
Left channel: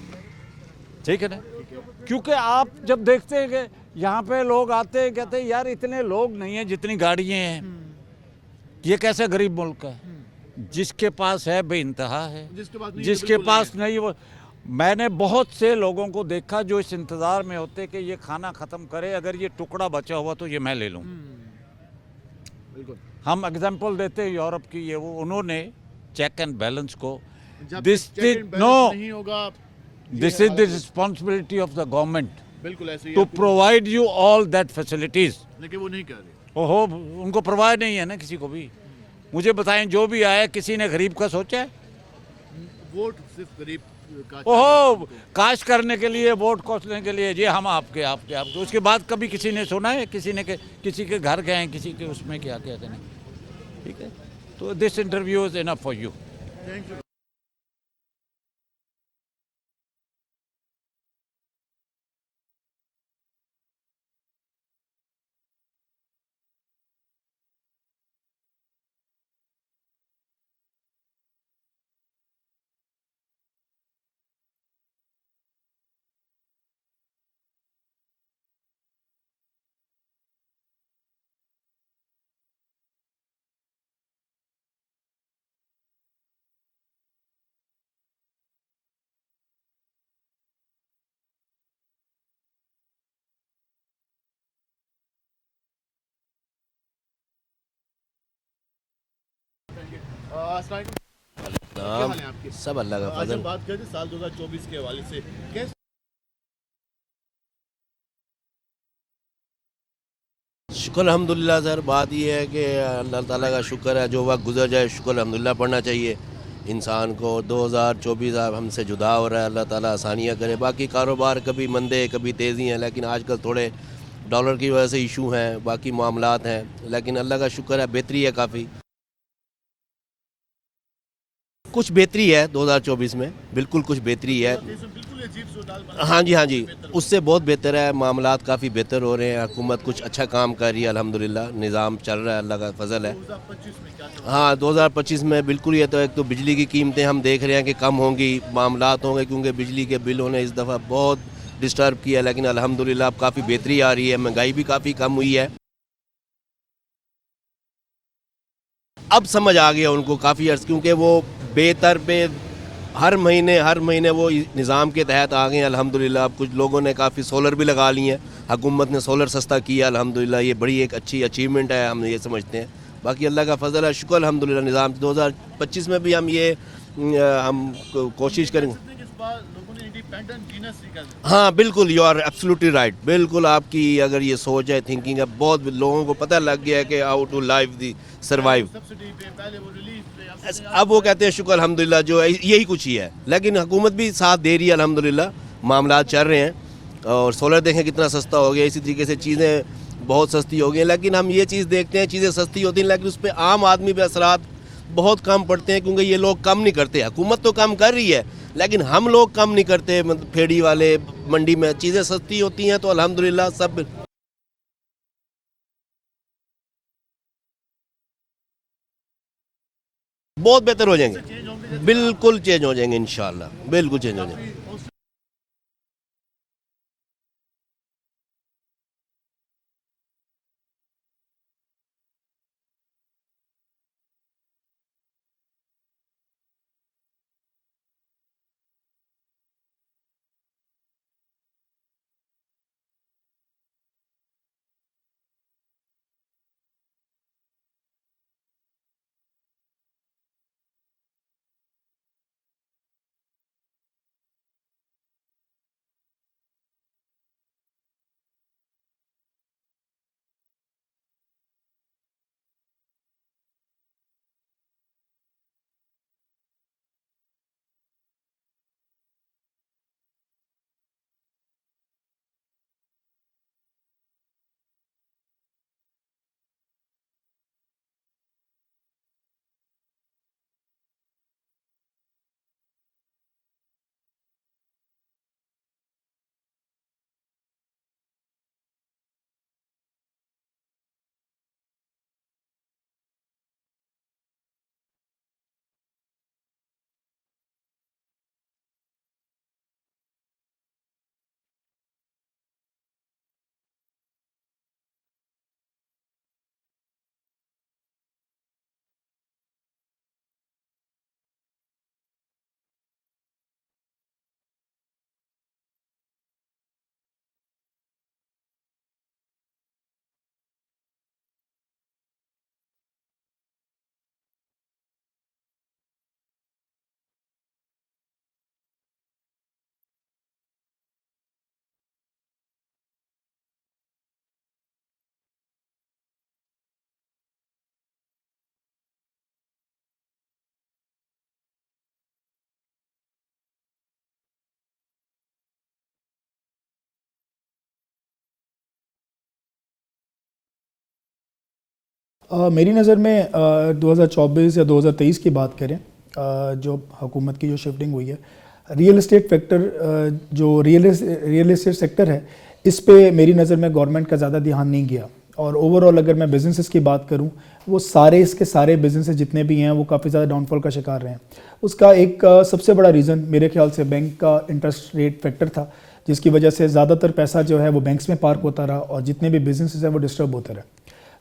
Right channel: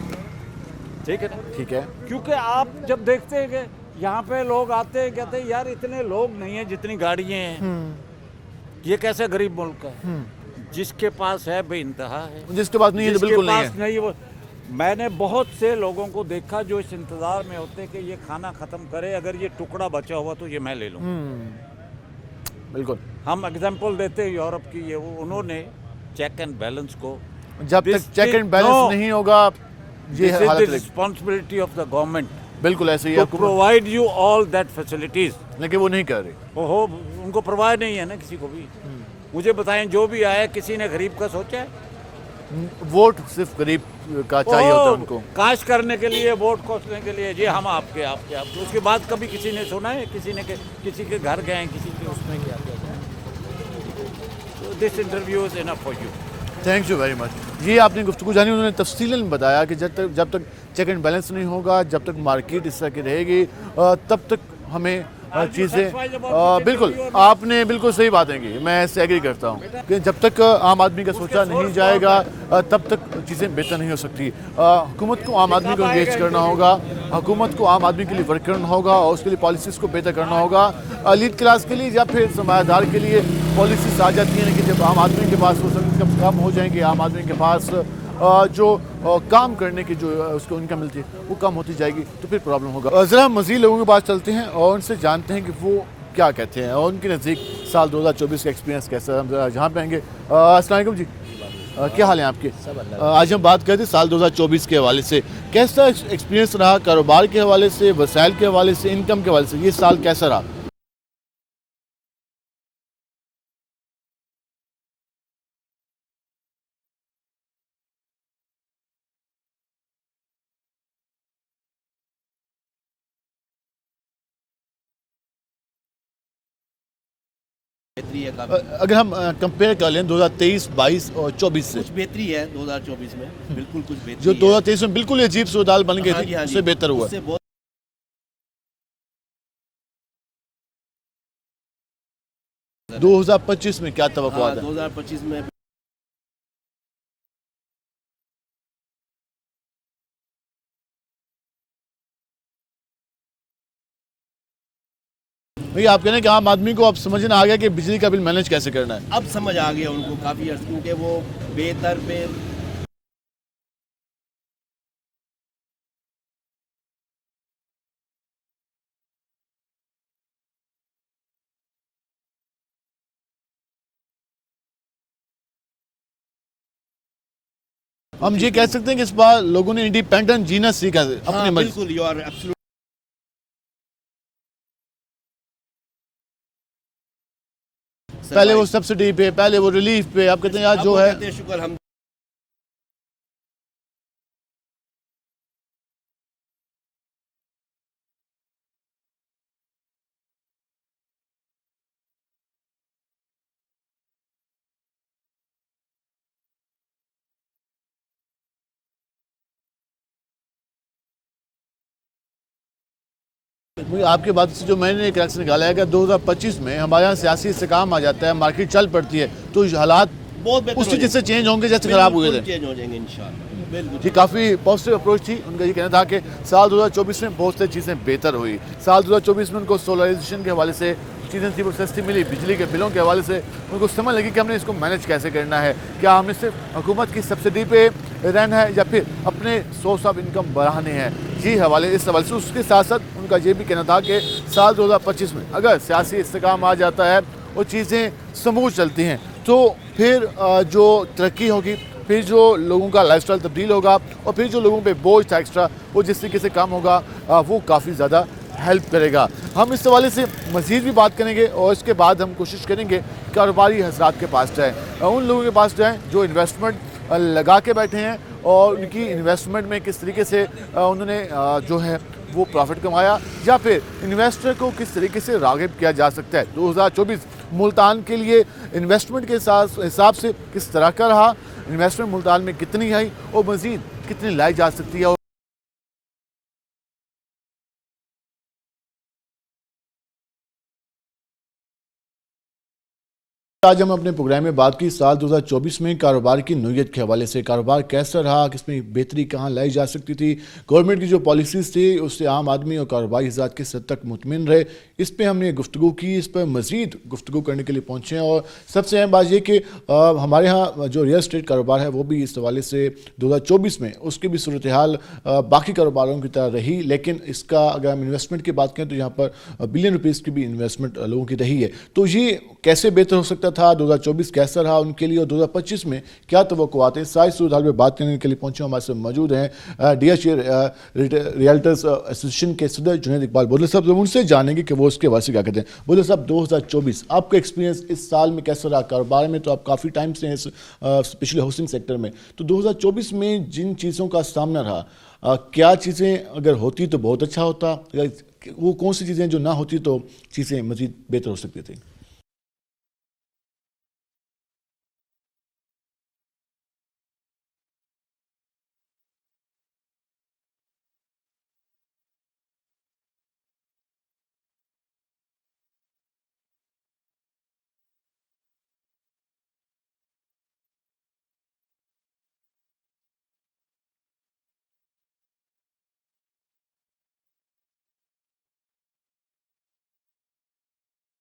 ठीक है ना? ठीक है। क्योंकि आप जब देखते हैं कि यहाँ पे लोग आते हैं, कहते हैं यार इतने लोग नहीं हैं जितनी गाड़ियाँ हैं। ये कैसे गरीब मुल्क है? जिसके पास है बेइंतहा है, जिसके पास नहीं है जिसके बिल्कुल पास नहीं है। वो मैंने बहुत से लोगों को देखा जो इस इंतजार में होते कि ये खाना खत्म करे, अगर ये टुकड़ा बचा हुआ तो ये मैं ले लूँ। बिल्कुल। हम एग्जांपल देते हैं यूरोप की, ये वो उन्होंने चेक एंड बैलेंस को, जब तक चेक एंड बैलेंस नहीं होगा, this is the responsibility of the government बिल्कुल ऐसे ही to provide you all that facilities. लेकिन वो नहीं कर रही। ओहो, उनको प्रोवाइड नहीं है ना किसी को भी। मुझे बताएं, जो भी आए किसी ने गरीब का सोचा है? वोट सिर्फ गरीब का चाहिए होता है उनको। काश करने के लिए, वोट कोसने के लिए, जी हम आपके आपके आपके। उसके बाद कभी किसी ने सुना है किसी ने किसी के घर गए, किसी के उसमें क्या किया? तो this interview is enough for you. Thank you very much. ये आपने गुफ्तगू जानी, उन्होंने तफसीलन बताया कि जब तक चेक एंड बैलेंस नहीं होगा, जब तक मार्केट इस तरह की रहेगी, तब तक हमें चीज़ें। बिल्कुल, आपने बिल्कुल सही बातें की, मैं इससे एग्री करता हूँ कि जब तक आम आदमी का सोचा नहीं जाएगा तब तक चीज़ें बेहतर नहीं हो सकती। हुकूमत को आम आदमी को इंगेज करना होगा, हुकूमत को आम आदमी के लिए वर्क करना होगा और उसके लिए पॉलिसीज़ को बेहतर करना होगा। लीड क्लास के लिए या फिर सरमायादार के लिए पॉलिसीज आ जाती हैं, लेकिन जब आम आदमी के पास वो सब इनकम कम हो जाएंगे, आम आदमी के पास जो काम करने की जो उसको इनकम मिलती है वो कम होती जाएगी, तो फिर प्रॉब्लम होगा। ज़रा मज़ीद लोगों के पास चलते हैं और उनसे जानते हैं कि वो क्या कहते हैं और उनके नज़दीक साल 2024 का एक्सपीरियंस कैसा है। हम जरा जहाँ पे आएंगे। अस्सलाम वालेकुम जी, क्या हाल है आपके? सब अल्लाह। आज हम बात करते हैं साल 2024 के हवाले से, कैसा एक्सपीरियंस रहा कारोबार के हवाले से, वसाइल के हवाले से, इनकम के हवाले से? ये साल कैसा रहा? शुक्र अल्हम्दुलिल्लाह सर, बात ये है कि अल्लाह ताला का शुक्र है, जो वक्त गुजर जाए शुक्र अल्हम्दुलिल्लाह पढ़ना चाहिए इंसान को। 2024 अब हमसे जुदा हो रहा है, अल्लाह ताला आसानियाँ करे। बाकी कारोबार कभी मंदे कभी तेज़ी हैं, लेकिन आजकल थोड़े डॉलर की वजह से इशू हैं, बाकी मामलात हैं, लेकिन अल्लाह का शुक्र है बेहतरी है काफ़ी। अगर हम कंपेयर कर लें 2023, 22 और 24 से, कुछ बेहतरी है 2024 में, बिल्कुल कुछ जो बेहतरी है। 2023 में बिल्कुल अजीब सूरत बन गई, हाँ जी हाँ जी, उससे बेहतर हुआ। उससे बहुत बेहतर है, मामलात काफ़ी बेहतर हो रहे हैं, हुकूमत कुछ अच्छा काम कर रही है अल्हम्दुलिल्लाह, निज़ाम चल रहा है, अल्लाह का फजल है। 2025 में क्या तवक्कुआत हाँ है? 2025 में बिल्कुल ये तो एक तो बिजली की कीमतें हम देख रहे हैं कि कम होंगी, मामलात होंगे, क्योंकि बिजली के बिलों ने इस दफ़ा बहुत डिस्टर्ब किया, लेकिन अल्हम्दुलिल्लाह अब काफ़ी बेहतरी आ रही है, महंगाई भी काफ़ी कम हुई है। भैया आप कहने कि आम आदमी को अब समझ आ गया कि बिजली का बिल मैनेज कैसे करना है। अब समझ आ गया उनको काफ़ी अर्स, क्योंकि वो बेहतर पे हर महीने वो निज़ाम के तहत आ गए हैं अल्हम्दुलिल्लाह। अब कुछ लोगों ने काफ़ी सोलर भी लगा लिए हैं, हुकूमत ने सोलर सस्ता किया अल्हम्दुलिल्लाह, ये बड़ी एक अच्छी अचीवमेंट है, हम ये समझते हैं। बाकी अल्लाह का फजल है, शुक्र अल्हम्दुलिल्लाह। निज़ाम 2025 में भी हम ये ये कह सकते हैं कि इस बार लोगों ने इंडिपेंडेंट जीना सीखा है। हाँ बिल्कुल, यू आर एब्सोल्युटली राइट, बिल्कुल आपकी अगर ये सोच है, थिंकिंग है, बहुत लोगों को पता लग गया है कि हाउ टू लाइव दी पहले वो सब्सिडी पे, पहले वो रिलीफ पे, आप कहते हैं अब वो कहते हैं शुक्र अल्हम्दुलिल्लाह, जो है यही कुछ ही है, लेकिन हुकूमत भी साथ दे रही है अल्हम्दुलिल्लाह, मामला चल रहे हैं। और सोलर देखें कितना सस्ता हो गया, इसी तरीके से चीज़ें बहुत सस्ती हो गई हैं, लेकिन हम ये चीज़ देखते हैं चीज़ें सस्ती होती हैं, लेकिन उस पर आम आदमी पे असरात बहुत कम पड़ते हैं, क्योंकि ये लोग कम नहीं करते। हुकूमत तो कम कर रही है, लेकिन हम लोग कम नहीं करते। मतलब फेड़ी वाले मंडी में चीज़ें सस्ती होती हैं तो अल्हम्दुलिल्लाह सब। आपके बात से जो मैंने एक रिएक्शन निकाला है कि 2025 में हमारे यहाँ सियासी इस्तेकाम आ जाता है, मार्केट चल पड़ती है, तो हालात बहुत बेहतर हो जाएंगे, चेंज होंगे, जैसे खराब हुए बिल्कुल चेंज हो जाएंगे इंशाल्लाह, बिल्कुल। ये काफ़ी पॉजिटिव अप्रोच थी उनका। ये कहना था कि साल 2024 में बहुत सी चीज़ें बेहतर हुई। साल 2024 में उनको सोलराइजेशन के हवाले से चीज़ें थी वो सस्ती मिली, बिजली के बिलों के हवाले से उनको समझ लगी कि हमने इसको मैनेज कैसे करना है। क्या हमें सिर्फ हुकूमत की सब्सिडी पे रहना है या फिर अपने सोर्स ऑफ इनकम बढ़ाने हैं, ये हवाले इस हवाले से। उसके साथ साथ उनका ये भी कहना था कि साल 2025 में अगर सियासी इस्तेकाम आ जाता है और चीज़ें स्मूथ चलती हैं, तो फिर जो तरक्की होगी, फिर जो लोगों का लाइफस्टाइल तब्दील होगा और फिर जो लोगों पे बोझ था एक्स्ट्रा वो जिस तरीके से कम होगा, वो काफ़ी ज़्यादा हेल्प करेगा। हम इस हवाले से मज़ीद भी बात करेंगे और इसके बाद हम कोशिश करेंगे कारोबारी हज़रात के पास जाएँ, उन लोगों के पास जाएँ जो इन्वेस्टमेंट लगा के बैठे हैं और उनकी इन्वेस्टमेंट में किस तरीके से उन्होंने जो है वो प्रॉफिट कमाया, या फिर इन्वेस्टर को किस तरीके से राग़िब किया जा सकता है। 2024 मुल्तान के लिए इन्वेस्टमेंट के हिसाब से किस तरह का रहा, इन्वेस्टमेंट मुल्तान में कितनी आई और मज़ीद कितनी लाई जा सकती है। आज हम अपने प्रोग्राम में बात की साल 2024 में कारोबार की नोयत के हवाले से। कारोबार कैसा रहा, किसमें बेहतरी कहाँ लाई जा सकती थी, गवर्नमेंट की जो पॉलिसीज़ थी उससे आम आदमी और कारोबारी हज़रात किस हद तक मुतमिन रहे, इस पर हमने गुफ्तगू की। इस पर मज़ीद गुफ्तगू करने के लिए पहुँचे हैं और सबसे अहम बात यह कि हमारे यहाँ जो रियल एस्टेट कारोबार है वो भी इस हवाले से 2024 में उसकी भी सूरत हाल बाकी कारोबारों की तरह रही, लेकिन इसका अगर हम इन्वेस्टमेंट की बात करें तो यहाँ पर बिलियन रुपीज़ की भी इन्वेस्टमेंट लोगों की रही है। तो ये कैसे बेहतर हो सकता था, 2024 कैसा रहा उनके लिए और 2025 में क्या तवक्कुआत हैं, सारी सूरत हाल में बात करने के लिए पहुंचे हमारे साथ मौजूद हैं DHA रियल्टर्स एसोसिएशन के सदर जुनैद इकबाल बोले साहब। जब उनसे जानेंगे कि वो उसके वास्ते क्या कहते हैं। बोले साहब, 2024 आपका एक्सपीरियंस इस साल में कैसा रहा? कारोबार में तो आप काफ़ी टाइम से हैं, स्पेशली हाउसिंग सेक्टर में, तो 2024 में जिन चीज़ों का सामना रहा, क्या चीज़ें अगर होती तो बहुत अच्छा होता, वो कौन सी चीज़ें जो ना होती तो चीज़ें मज़ीद बेहतर हो सकती थी? मेरी नज़र में 2024 या 2023 की बात करें, जो हुकूमत की जो शिफ्टिंग हुई है, रियल एस्टेट फैक्टर जो रियल एस्टेट सेक्टर है, इस पे मेरी नज़र में गवर्नमेंट का ज़्यादा ध्यान नहीं गया। और ओवरऑल अगर मैं बिजनेसेस की बात करूं, वो इसके सारे बिजनेसेस जितने भी हैं वो काफ़ी ज़्यादा डाउनफॉल का शिकार रहे हैं। उसका एक सबसे बड़ा रीज़न मेरे ख्याल से बैंक का इंटरेस्ट रेट फैक्टर था, जिसकी वजह से ज़्यादातर पैसा जो है वो बैंक्स में पार्क होता रहा और जितने भी बिजनेसेस हैं वो डिस्टर्ब होते रहे।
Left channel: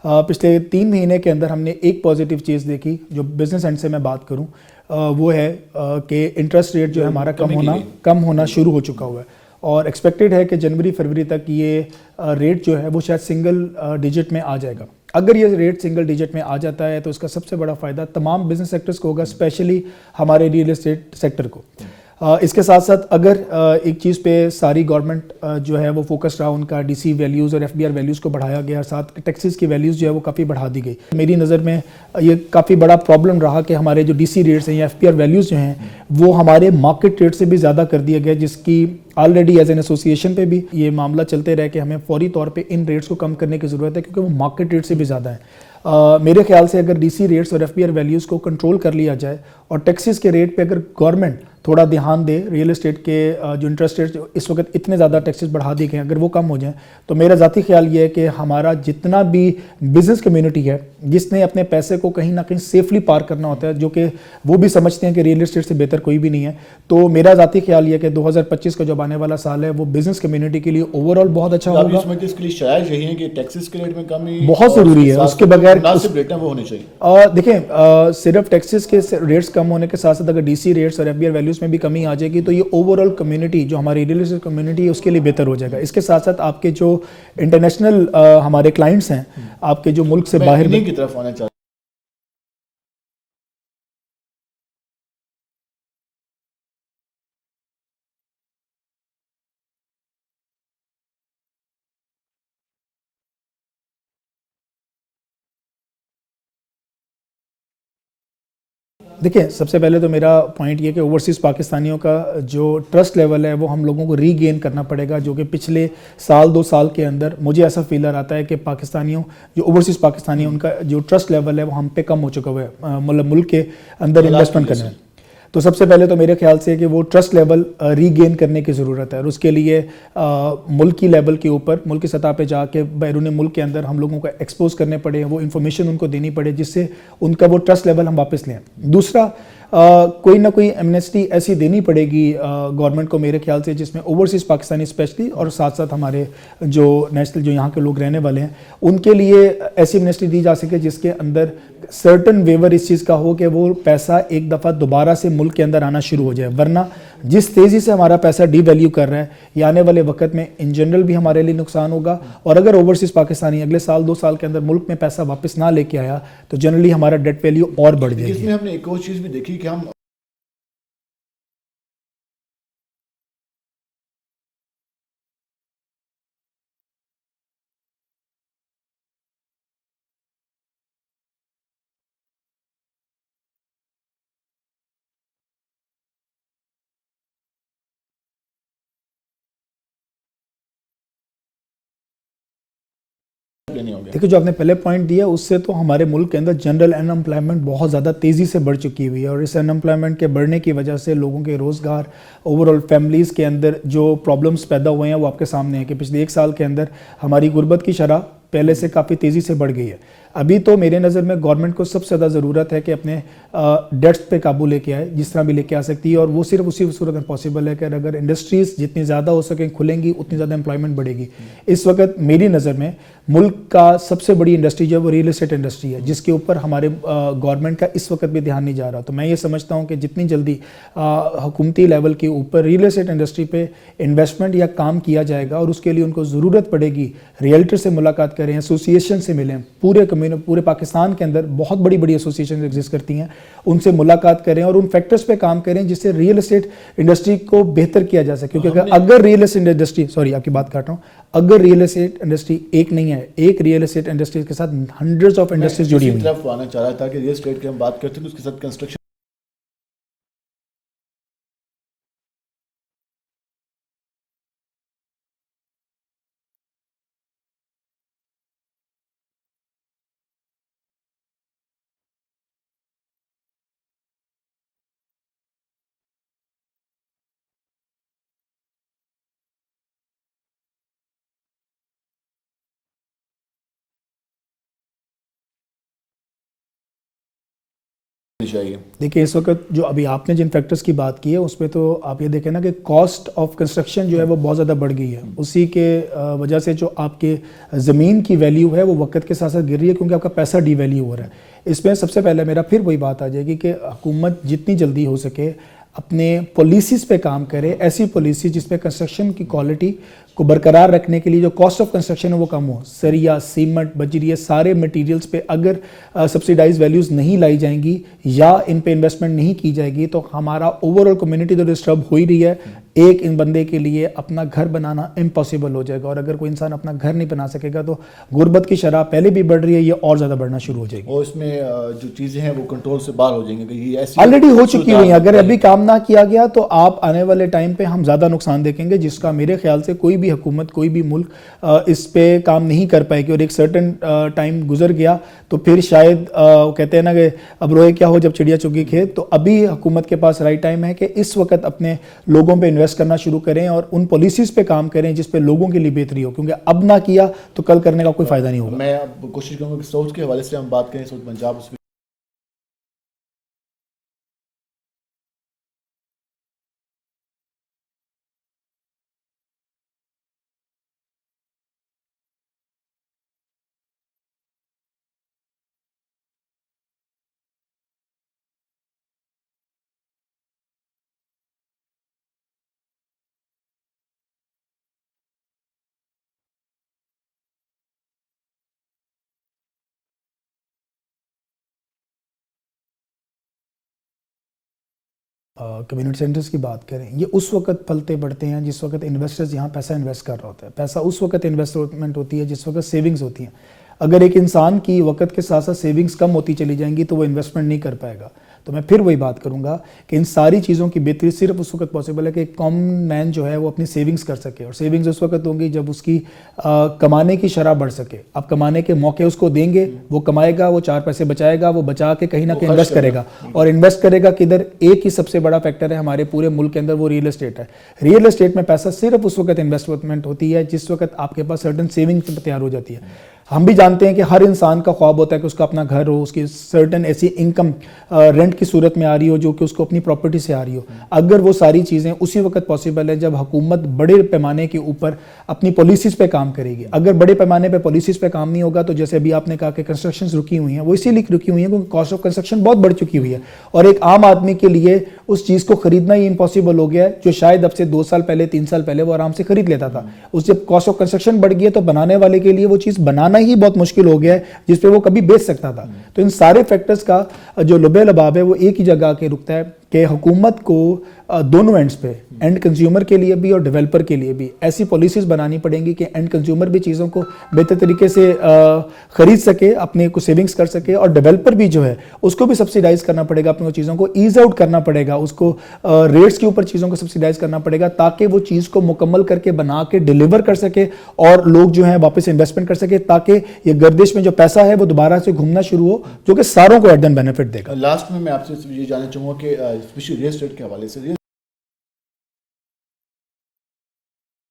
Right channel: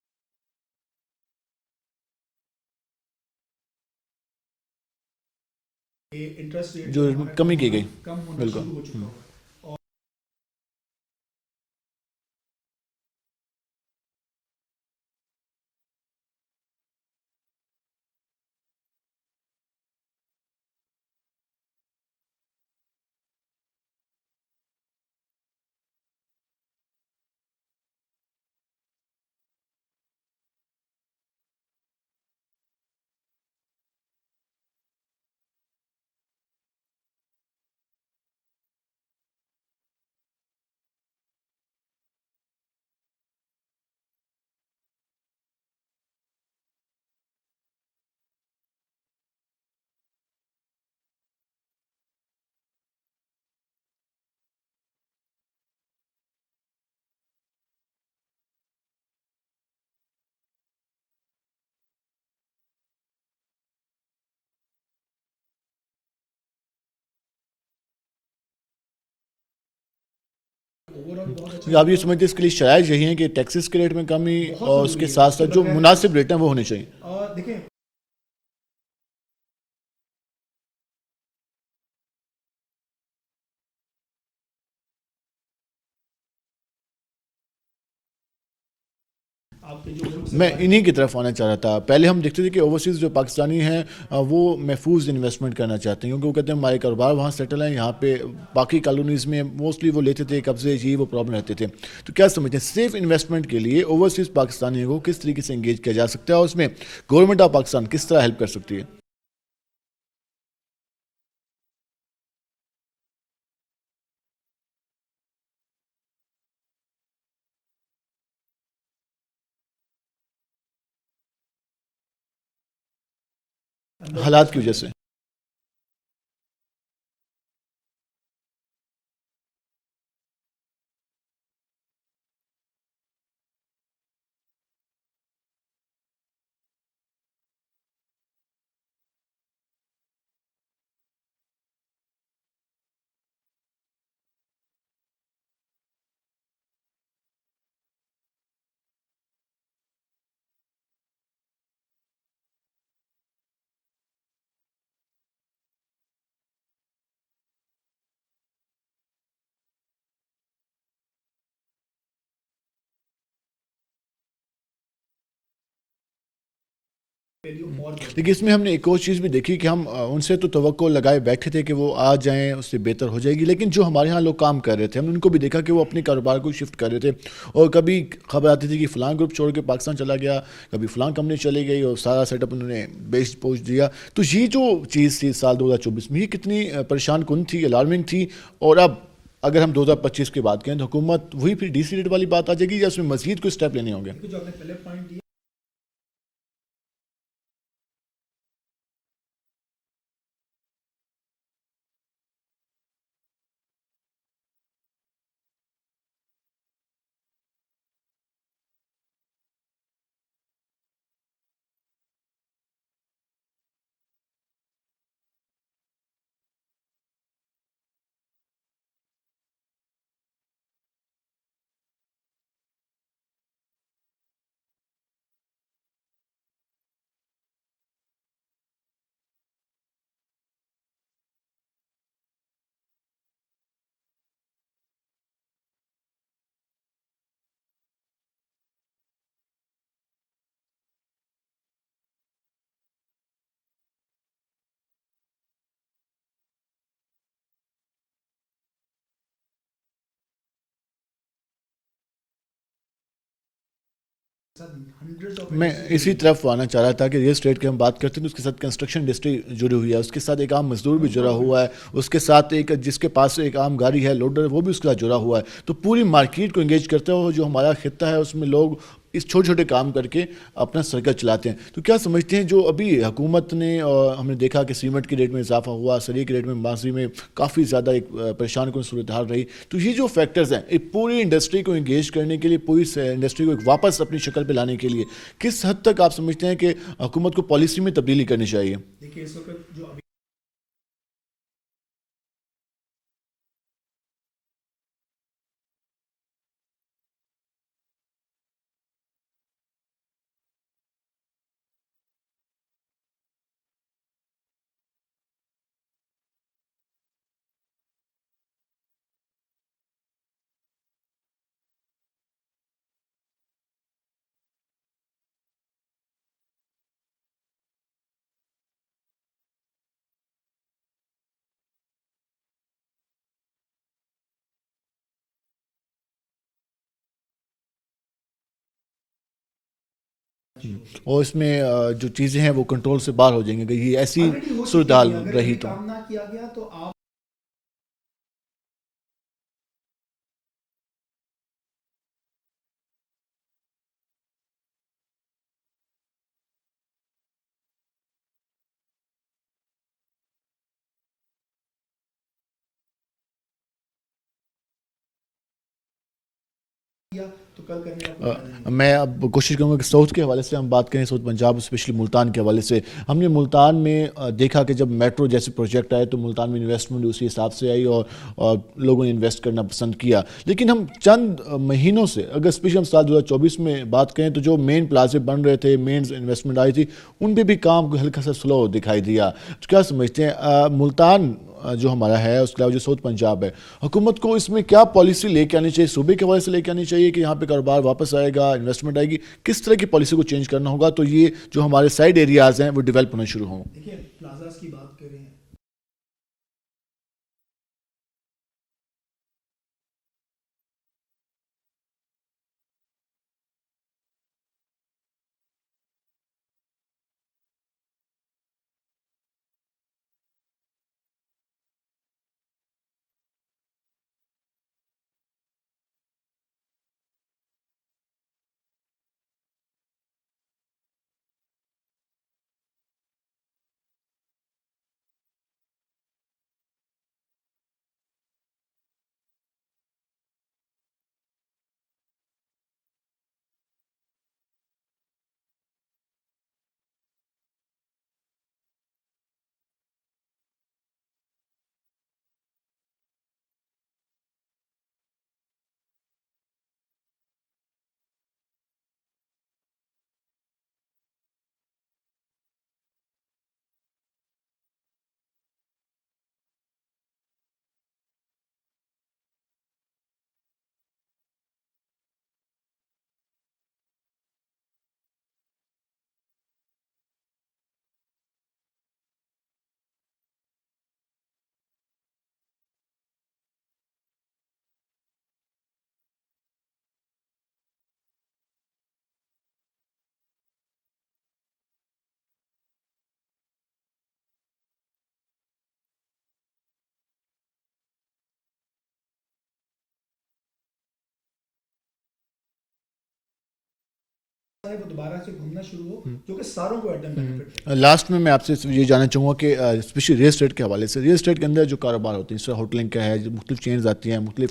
पिछले 3 महीने के अंदर हमने एक पॉजिटिव चीज़ देखी, जो बिज़नेस एंड से मैं बात करूं, वो है कि इंटरेस्ट रेट जो है हमारा कम होना शुरू हो चुका हुआ है और एक्सपेक्टेड है कि जनवरी फरवरी तक ये रेट जो है वो शायद सिंगल डिजिट में आ जाएगा। अगर ये रेट सिंगल डिजिट में आ जाता है तो इसका सबसे बड़ा फ़ायदा तमाम बिजनेस सेक्टर्स को होगा, स्पेशली हमारे रियल एस्टेट सेक्टर को। इसके साथ साथ अगर एक चीज़ पे सारी गवर्नमेंट जो है वो फोकस रहा, उनका डीसी वैल्यूज़ और एफबीआर वैल्यूज़ को बढ़ाया गया, साथ टैक्सेस की वैल्यूज़ जो है वो काफ़ी बढ़ा दी गई। मेरी नज़र में ये काफ़ी बड़ा प्रॉब्लम रहा कि हमारे जो डीसी रेट्स हैं या एफबीआर वैल्यूज़ जो हैं वो हमारे मार्केट रेट से भी ज़्यादा कर दिया गया, जिसकी ऑलरेडी एज एन एसोसिएशन पे भी ये मामला चलते रहे कि हमें फौरी तौर पे इन रेट्स को कम करने की ज़रूरत है, क्योंकि वो मार्केट रेट से भी ज़्यादा है। मेरे ख्याल से अगर डीसी रेट्स और एफबीआर वैल्यूज़ को कंट्रोल कर लिया जाए और टैक्सेस के रेट पे अगर गवर्नमेंट थोड़ा ध्यान दे, रियल एस्टेट के जो इंटरेस्ट रेट इस वक्त इतने ज़्यादा टैक्सेस बढ़ा दिए गए, अगर वो कम हो जाए तो मेरा ज़ाती ख्याल ये है कि हमारा जितना भी बिज़नेस कम्युनिटी है जिसने अपने पैसे को कहीं ना कहीं सेफली पार करना होता है, जो कि वो भी समझते हैं कि रियल एस्टेट से बेहतर कोई भी नहीं है, तो मेरा ज़ाती ख्याल ये है कि 2025 का जो आने वाला साल है वो बिज़नेस कम्युनिटी के लिए ओवरऑल बहुत अच्छा होगा। इसके लिए शायद यही है कि टैक्सेस के रेट में कमी बहुत ज़रूरी है, उसके बगैर मुनासिब रेट वो होने चाहिए। देखें, सिर्फ टैक्सेस के रेट्स कम होने के साथ साथ अगर डीसी रेट्स और एफबीआर वैल्यूज़ में भी कमी आ जाएगी तो ये ओवरऑल कम्युनिटी जो हमारी रियल एस्टेट कम्युनिटी है उसके लिए बेहतर हो जाएगा। इसके साथ साथ आपके जो इंटरनेशनल हमारे क्लाइंट्स हैं, आपके जो मुल्क से बाहर, इन्हीं की तरफ आना चाह रहा था। पहले हम देखते थे कि ओवरसीज़ जो पाकिस्तानी हैं वो महफूज इन्वेस्टमेंट करना चाहते हैं, क्योंकि वो कहते हैं हमारे कारोबार वहाँ सेटल हैं, यहाँ पे बाकी कॉलोनीज़ में मोस्टली वो लेते थे कब्जे, ये वो प्रॉब्लम रहते थे। तो क्या समझते हैं सेफ इन्वेस्टमेंट के लिए ओवरसीज़ पाकिस्तानियों को किस तरीके से इंगेज किया जा सकता है और उसमें गवर्नमेंट ऑफ पाकिस्तान किस तरह हेल्प कर सकती है? देखिए, सबसे पहले तो मेरा पॉइंट ये कि ओवरसीज़ पाकिस्तानियों का जो ट्रस्ट लेवल है वो हम लोगों को रीगेन करना पड़ेगा, जो कि पिछले साल 2 साल के अंदर मुझे ऐसा फीलर आता है कि पाकिस्तानियों जो ओवरसीज़ पाकिस्तानी उनका जो ट्रस्ट लेवल है वो हम पे कम हो चुका हुआ है, मतलब मुल्क के अंदर इन्वेस्टमेंट करना है। तो सबसे पहले तो मेरे ख्याल से कि वो ट्रस्ट लेवल रीगेन करने की ज़रूरत है और उसके लिए मुल्क की लेवल के ऊपर, मुल्क की सतह पे जाके बैरून मुल्क के अंदर हम लोगों को एक्सपोज करने पड़े, वो इन्फॉर्मेशन उनको देनी पड़े जिससे उनका वो ट्रस्ट लेवल हम वापस लें। दूसरा, कोई ना कोई एमनेस्टी ऐसी देनी पड़ेगी गवर्नमेंट को मेरे ख्याल से, जिसमें ओवरसीज़ पाकिस्तानी स्पेशली और साथ साथ हमारे जो नेशनल जो यहाँ के लोग रहने वाले हैं उनके लिए ऐसी एमनेस्टी दी जा सके जिसके अंदर सर्टन वेवर इस चीज़ का हो कि वो पैसा एक दफ़ा दोबारा से मुल्क के अंदर आना शुरू हो जाए। वरना जिस तेज़ी से हमारा पैसा डीवैल्यू कर रहा है ये आने वाले वक्त में इन जनरल भी हमारे लिए नुकसान होगा, और अगर ओवरसीज़ पाकिस्तानी अगले साल 2 साल के अंदर मुल्क में पैसा वापस ना लेके आया तो जनरली हमारा डेट वैल्यू और बढ़ जाएगी। इसमें हमने एक और चीज़ भी देखी कि हम उनसे तो तवक्को लगाए बैठे थे कि वो आ जाएँ, उससे बेहतर हो जाएगी, लेकिन जो हमारे यहाँ लोग काम कर रहे थे हमने उनको भी देखा कि वो अपने कारोबार को शिफ्ट कर रहे थे, और कभी खबर आती थी कि फ़लाँ ग्रुप छोड़ के पाकिस्तान चला गया, कभी फ़लाँ कंपनी चली गई और सारा सेटअप उन्होंने बेच पहुँच दिया। तो ये जो चीज़ थी साल 2024 में, ये कितनी परेशान कुन थी, अलार्मिंग थी, और अब अगर हम 2025 की बात करें तो हुकूमत वही फिर डीसी रेट वाली बात आ जाएगी या उसमें मजीद कोई स्टेप लेने होंगे? देखिए, जो आपने पहले पॉइंट दिया उससे तो हमारे मुल्क के अंदर जनरल अनएम्प्लॉयमेंट बहुत ज़्यादा तेज़ी से बढ़ चुकी हुई है, और इस अनएम्प्लॉयमेंट के बढ़ने की वजह से लोगों के रोज़गार, ओवरऑल फैमिलीज़ के अंदर जो प्रॉब्लम्स पैदा हुए हैं वो आपके सामने है कि पिछले 1 साल के अंदर हमारी गुर्बत की शरह पहले से काफ़ी तेज़ी से बढ़ गई है। अभी तो मेरे नज़र में गवर्नमेंट को सबसे ज़्यादा ज़रूरत है कि अपने डेट्स पे काबू लेके आए, जिस तरह भी लेके आ सकती है, और वो सिर्फ उसी सूरत में पॉसिबल है कि अगर इंडस्ट्रीज़ जितनी ज़्यादा हो सकें खुलेंगी उतनी ज़्यादा एम्प्लॉयमेंट बढ़ेगी। इस वक्त मेरी नज़र में मुल्क का सबसे बड़ी इंडस्ट्री जो है वो रियल एस्टेट इंडस्ट्री है, जिसके ऊपर हमारे गवर्नमेंट का इस वक्त भी ध्यान नहीं जा रहा। तो मैं ये समझता हूँ कि जितनी जल्दी हुकूमती लेवल के ऊपर रियल एस्टेट इंडस्ट्री पे इन्वेस्टमेंट या काम किया जाएगा, और उसके लिए उनको ज़रूरत पड़ेगी रियल्टर से मुलाकात करें, एसोसिएशन से मिलें, पूरे पाकिस्तान के अंदर बहुत बड़ी बड़ी एसोसिएशन एग्जिस्ट करती हैं, उनसे मुलाकात करें और उन फैक्टर्स पे काम करें जिससे रियल एस्टेट इंडस्ट्री को बेहतर किया जा सके। क्योंकि अगर रियल एस्टेट इंडस्ट्री, सॉरी आपकी बात काट रहा हूँ, अगर रियल एस्टेट इंडस्ट्री एक नहीं है, एक रियल एस्टेट इंडस्ट्री के साथ हंड्रेड्स ऑफ इंडस्ट्रीज जुड़ी हुई हैं। तरफ आना चाह रहा था कि रियल एस्टेट की हम बात करते हैं तो उसके साथ कंस्ट्रक्शन इंडस्ट्री जुड़ी हुई है, उसके साथ एक आम मजदूर भी जुड़ा हुआ है, उसके साथ एक जिसके पास एक आम गाड़ी है लोडर, वो भी उसके साथ जुड़ा हुआ है। तो पूरी मार्केट को इंगेज करते हुए जो हमारा खित्ता है उसमें लोग इस छोटे छोटे काम करके अपना सर्कल चलाते हैं। तो क्या समझते हैं जो अभी हुकूमत ने, और हमने देखा कि सीमेंट के रेट में इजाफा हुआ, सरिये के रेट में माजी में काफ़ी ज़्यादा एक परेशान कौन सूरत हाल रही, तो ये जो फैक्टर्स हैं एक पूरी इंडस्ट्री को इंगेज करने के लिए, पूरी इंडस्ट्री को एक वापस अपनी शक्ल पे लाने के लिए किस हद तक आप समझते हैं कि हुकूमत को पॉलिसी में तब्दीली करनी चाहिए? देखिए, इस वक्त जो अभी आपने जिन फैक्टर्स की बात की है उसमें तो आप ये देखें ना कि कॉस्ट ऑफ कंस्ट्रक्शन जो है वो बहुत ज़्यादा बढ़ गई है। उसी के वजह से जो आपके ज़मीन की वैल्यू है वो वक्त के साथ साथ गिर रही है, क्योंकि आपका पैसा डीवैल्यू हो रहा है। इसमें सबसे पहले मेरा फिर वही बात आ जाएगी कि हुकूमत जितनी जल्दी हो सके अपने पॉलिसीज़ पे काम करे, ऐसी पॉलिसी जिसमें कंस्ट्रक्शन की क्वालिटी को बरकरार रखने के लिए जो कॉस्ट ऑफ कंस्ट्रक्शन है वो कम हो, सरिया, सीमेंट, बजरी, ये सारे मटेरियल्स पे अगर सब्सिडाइज वैल्यूज़ नहीं लाई जाएंगी या इन पे इन्वेस्टमेंट नहीं की जाएगी तो हमारा ओवरऑल कम्युनिटी तो डिस्टर्ब हो ही रही है। एक इन बंदे के लिए अपना घर बनाना इम्पॉसिबल हो जाएगा, और अगर कोई इंसान अपना घर नहीं बना सकेगा तो गुर्बत की शरह पहले भी बढ़ रही है, ये और ज़्यादा बढ़ना शुरू हो जाएगी। और इसमें जो चीज़ें हैं वो कंट्रोल से बाहर हो जाएंगी, ये ऐसी ऑलरेडी हो चुकी हुई है। अगर अभी काम ना किया गया तो आप आने वाले टाइम पे हम ज़्यादा नुकसान देखेंगे, जिसका मेरे ख्याल से कोई भी हुकूमत, कोई भी मुल्क इस पे काम नहीं कर पाएगी। और एक सर्टन टाइम गुजर गया तो फिर शायद कहते हैं ना कि अब रोए क्या हो जब चिड़िया चुगी खेत। तो अभी हुकूमत के पास राइट टाइम है कि इस वक्त अपने लोगों पे इन्वेस्ट करना शुरू करें और उन पॉलिसीज़ पे काम करें जिस पे लोगों के लिए बेहतरी हो, क्योंकि अब ना किया तो कल करने का कोई फ़ायदा नहीं होगा। मैं अब कोशिश करूँगा कि साउथ के हवाले से हम बात करें, साउथ पंजाब स्पेशली मुल्तान के हवाले से। हमने मुल्तान में देखा कि जब मेट्रो जैसे प्रोजेक्ट आए तो मुल्तान में इन्वेस्टमेंट उसी हिसाब से आई और लोगों ने इन्वेस्ट करना पसंद किया। लेकिन हम चंद महीनों से, अगर स्पेशली हम साल 2024 में बात करें तो जो मेन प्लाजे बन रहे थे, मेन इन्वेस्टमेंट आई थी, उन पे भी काम हल्का सा स्लो दिखाई दिया। तो क्या समझते हैं मुल्तान जो हमारा है, उसके अलावा जो साउथ पंजाब है, हुकूमत को इसमें क्या पॉलिसी लेके आनी चाहिए, सूबे के हवाले से लेके आनी चाहिए कि यहाँ पे कारोबार वापस आएगा, इन्वेस्टमेंट आएगी, किस तरह की पॉलिसी को चेंज करना होगा तो ये जो हमारे साइड एरियाज़ हैं वो डेवलप होना शुरू हों? देखिए, प्लाजास की बात करें, कम्युनिटी सेंटर्स की बात करें, ये उस वक्त फलते बढ़ते हैं जिस वक्त इन्वेस्टर्स यहाँ पैसा इन्वेस्ट कर रहा होता है। पैसा उस वक्त इन्वेस्टमेंट होती है जिस वक्त सेविंग्स होती हैं। अगर एक इंसान की वक्त के साथ साथ सेविंग्स कम होती चली जाएंगी तो वो इन्वेस्टमेंट नहीं कर पाएगा। तो मैं फिर वही बात करूंगा कि इन सारी चीज़ों की बेहतरी सिर्फ उस वक्त पॉसिबल है कि एक कॉमन मैन जो है वो अपनी सेविंग्स कर सके, और सेविंग्स उस वक्त होंगी जब उसकी कमाने की शरह बढ़ सके। अब कमाने के मौके उसको देंगे, वो कमाएगा, वो 4 पैसे बचाएगा, वो बचा के कहीं ना कहीं इन्वेस्ट करेगा। और इन्वेस्ट करेगा किधर? एक ही सबसे बड़ा फैक्टर है हमारे पूरे मुल्क के अंदर, वो रियल एस्टेट है। रियल एस्टेट में पैसा सिर्फ उस वक्त इन्वेस्टमेंट होती है जिस वक्त आपके पास सर्टन सेविंग्स तैयार हो जाती है। हम भी जानते हैं कि हर इंसान का ख्वाब होता है कि उसका अपना घर हो, उसकी सर्टन ऐसी इनकम रेंट की सूरत में आ रही हो जो कि उसको अपनी प्रॉपर्टी से आ रही हो। अगर वो सारी चीज़ें उसी वक्त पॉसिबल है जब हुकूमत बड़े पैमाने के ऊपर अपनी पॉलिसीज़ पे काम करेगी। अगर बड़े पैमाने पे पॉलिसीज़ पे काम नहीं होगा तो जैसे अभी आपने कहा कि कंस्ट्रक्शन रुकी हुई हैं, वो इसीलिए रुकी हुई हैं क्योंकि कॉस्ट ऑफ कंस्ट्रक्शन बहुत बढ़ चुकी हुई है और एक आम आदमी के लिए उस चीज़ को खरीदना ही इम्पॉसिबल हो गया है, जो शायद अब से 2 साल पहले, 3 साल पहले वो आराम से खरीद लेता था। उस जब कॉस्ट ऑफ कंस्ट्रक्शन बढ़ गई है तो बनाने वाले के लिए वो चीज़ बनाना ही बहुत मुश्किल हो गया है जिस पे वो कभी बेच सकता था। तो इन सारे फैक्टर्स का जो लुबे लबाब है वो एक ही जगह आके रुकता है कि हुकूमत को दोनों एंड्स पे, एंड कंज्यूमर के लिए भी और डेवलपर के लिए भी ऐसी पॉलिसीज़ बनानी पड़ेंगी कि एंड कंज्यूमर भी चीज़ों को बेहतर तरीके से ख़रीद सके, अपने को सेविंग्स कर सके, और डेवलपर भी जो है उसको भी सब्सिडाइज करना पड़ेगा, अपनी चीज़ों को ईज आउट करना पड़ेगा, उसको रेट्स के ऊपर चीज़ों को सब्सिडाइज करना पड़ेगा ताकि वो चीज़ को मुकम्मल करके बना के डिलीवर कर सके और लोग जो है वापस इन्वेस्टमेंट कर सके, ताकि ये गर्दिश में जो पैसा है वो दोबारा से घूमना शुरू हो, जो कि सारों को एट बेनिफिट देगा। लास्ट में मैं आपसे ये जानना चाहूँगा कि स्पेशली रियल एस्टेट के हवाले से, रियल एस्टेट के अंदर जो कारोबार होते हैं, जैसे होटलिंग का है, मुख्तलिफ चेन्स आती हैं, मुख्तलिफ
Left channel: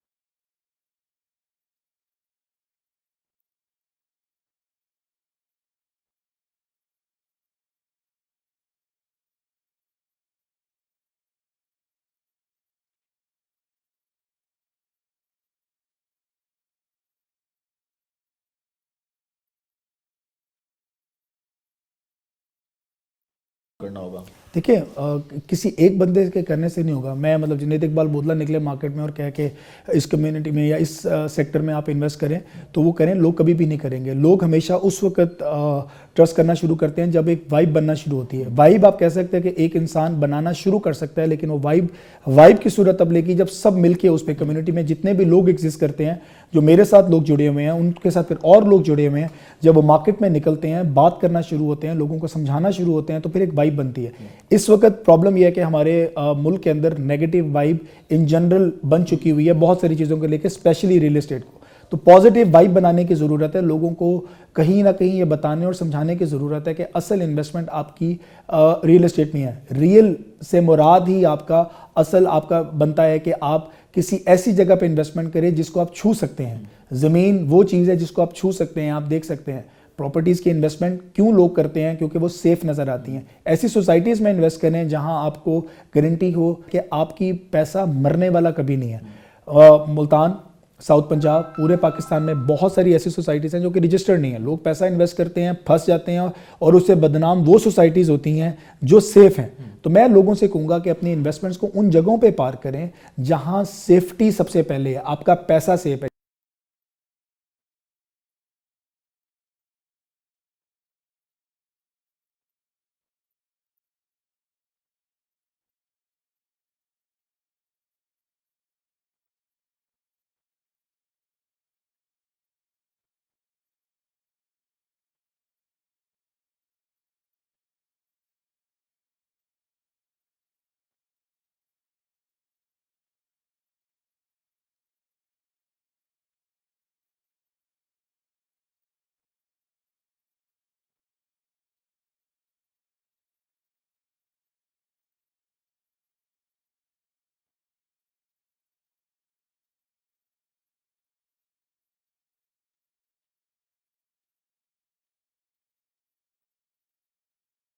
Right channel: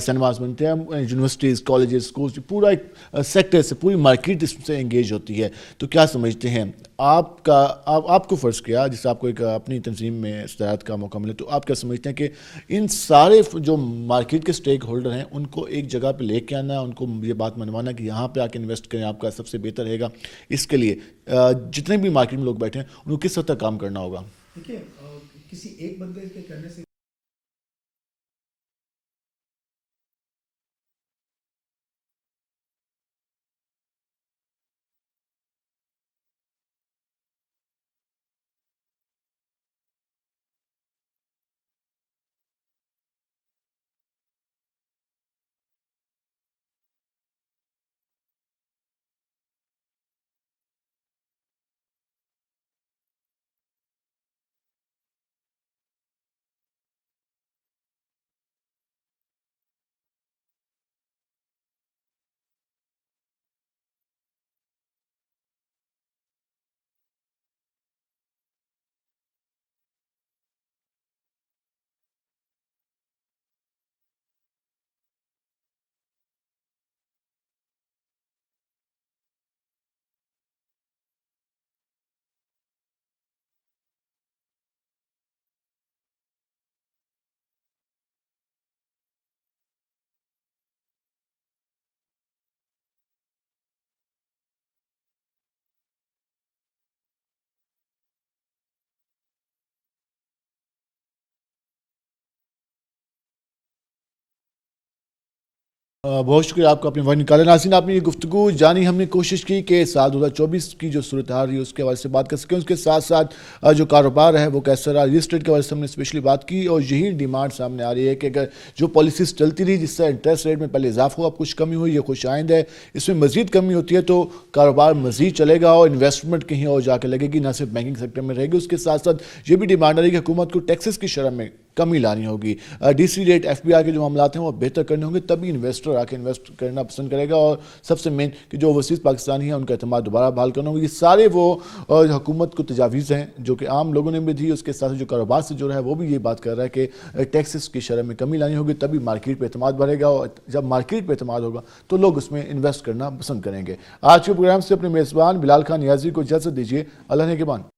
सिनेमाज बनते हैं, यूनिवर्सिटीज़, कॉलेजेस, स्कूल्स, पूरा एक सेक्टर से पूरी मार्केट इससे एंगेज होती है। तो क्या समझते हैं आपको फ़र्ज़ किया जिससे आपको एक अपनी तंजीम में इस्तेमाल का मौका मिले, तो आप क्या समझते हैं कि इन सारे जो मार्केट के स्टेक होल्डर हैं उनको एक जगह पे लेके आना, उनको ये बात मनवाना कि यहाँ पे आके इन्वेस्ट करें, आपका सबसे बेहतर रहेगा। इसके लिए जितने भी मार्केट में लोग बैठे हैं उनको किस हद तक काम करना होगा? देखिए, किसी एक बंदे के करने से नहीं होगा। मैं मतलब जुनैद इकबाल बोदला निकले मार्केट में और कह के इस कम्युनिटी में या इस सेक्टर में आप इन्वेस्ट करें तो वो करें, लोग कभी भी नहीं करेंगे। लोग हमेशा उस वक्त ट्रस्ट करना शुरू करते हैं जब एक वाइब बनना शुरू होती है। वाइब आप कह सकते हैं कि एक इंसान बनाना शुरू कर सकता है, लेकिन वो वाइब की सूरत तब लेगी जब सब मिलके उस पर, कम्युनिटी में जितने भी लोग एग्जिस्ट करते हैं, जो मेरे साथ लोग जुड़े हुए हैं, उनके साथ फिर और लोग जुड़े हुए हैं, जब वो मार्केट में निकलते हैं, बात करना शुरू होते हैं, लोगों को समझाना शुरू होते हैं, तो फिर एक वाइब बनती है। इस वक्त प्रॉब्लम यह है कि हमारे मुल्क के अंदर नेगेटिव वाइब इन जनरल बन चुकी हुई है बहुत सारी चीज़ों को लेकर, स्पेशली रियल एस्टेट को। तो पॉजिटिव वाइब बनाने की ज़रूरत है, लोगों को कहीं ना कहीं ये बताने और समझाने की ज़रूरत है कि असल इन्वेस्टमेंट आपकी रियल एस्टेट में है। रियल से मुराद ही आपका असल आपका बनता है कि आप किसी ऐसी जगह पे इन्वेस्टमेंट करें जिसको आप छू सकते हैं। ज़मीन वो चीज़ है जिसको आप छू सकते हैं, आप देख सकते हैं। प्रॉपर्टीज़ की इन्वेस्टमेंट क्यों लोग करते हैं? क्योंकि वो सेफ़ नज़र आती हैं। ऐसी सोसाइटीज़ में इन्वेस्ट करें जहां आपको गारंटी हो कि आपकी पैसा मरने वाला कभी नहीं है। मुल्तान, साउथ पंजाब, पूरे पाकिस्तान में बहुत सारी ऐसी सोसाइटीज़ हैं जो कि रजिस्टर्ड नहीं है। लोग पैसा इन्वेस्ट करते हैं, फंस जाते हैं और उससे बदनाम वो सोसाइटीज़ होती हैं जो सेफ़ हैं। तो मैं लोगों से कहूँगा कि अपनी इन्वेस्टमेंट्स को उन जगहों पे पार करें जहाँ सेफ्टी सबसे पहले है, आपका पैसा सेफ है। बहुत शुक्रिया आपका अपने वक्त निकाले। नाज़रीन, आपने ये गुफ्तगू जानी, हमने कोशिश की कि साल 2024 की जो सूरत हाल रही है उसके हवाले से बात कर सकें, उसके साथ साथ जो कारोबार है वो कैसा रहा, रियल एस्टेट के हवाले से हमने स्पेशली बात की। और यही डिमांड सामने आ रही है कि अगर जो पॉलिसीज़ चलती रही जिससे इंटरेस्ट रेट में पहले इजाफा हुआ, अब कुछ कमी हुई, ये खुश आइंद है, इसमें मज़ीद कमी होती है तो कारोबार मज़ीद चलेगा और इन्वेस्टमेंट कहीं और जाकर लगेगी, ना सिर्फ बैंकिंग सेक्टर में रहेगी। उसके साथ साथ ये भी डिमांड आ रही है कि हुकूमत को टैक्सेस की शरह में कमी लानी होगी। डीसी रेट, एफबीआई के जो मामला हैं वो बेहतर करने होंगे, तभी इन्वेस्टर आके इन्वेस्ट करना पसंद करेगा। और सबसे मेन कि जो ओवरसीज़ पाकिस्तानी हैं उनका एतमाद दोबारा बहाल करना होगा। ये सारे वो हुकूमत को तजावीज़ हैं जो कि आम लोगों ने भी दी। उसके साथ जो कारोबार से जुड़ा है वो भी ये बात कर रहा है कि टैक्सेस की शरह में कमी लानी होगी, तभी मार्केट पर एतमाद बढ़ेगा। और जब मार्केट पर एतमाद होगा तो लोग उसमें इन्वेस्ट करना पसंद करेंगे। आज के प्रोग्राम से अपने मेज़बान बिलाल खान नियाज़ी को इजाज़त दीजिए। अल्लाह ने के बान।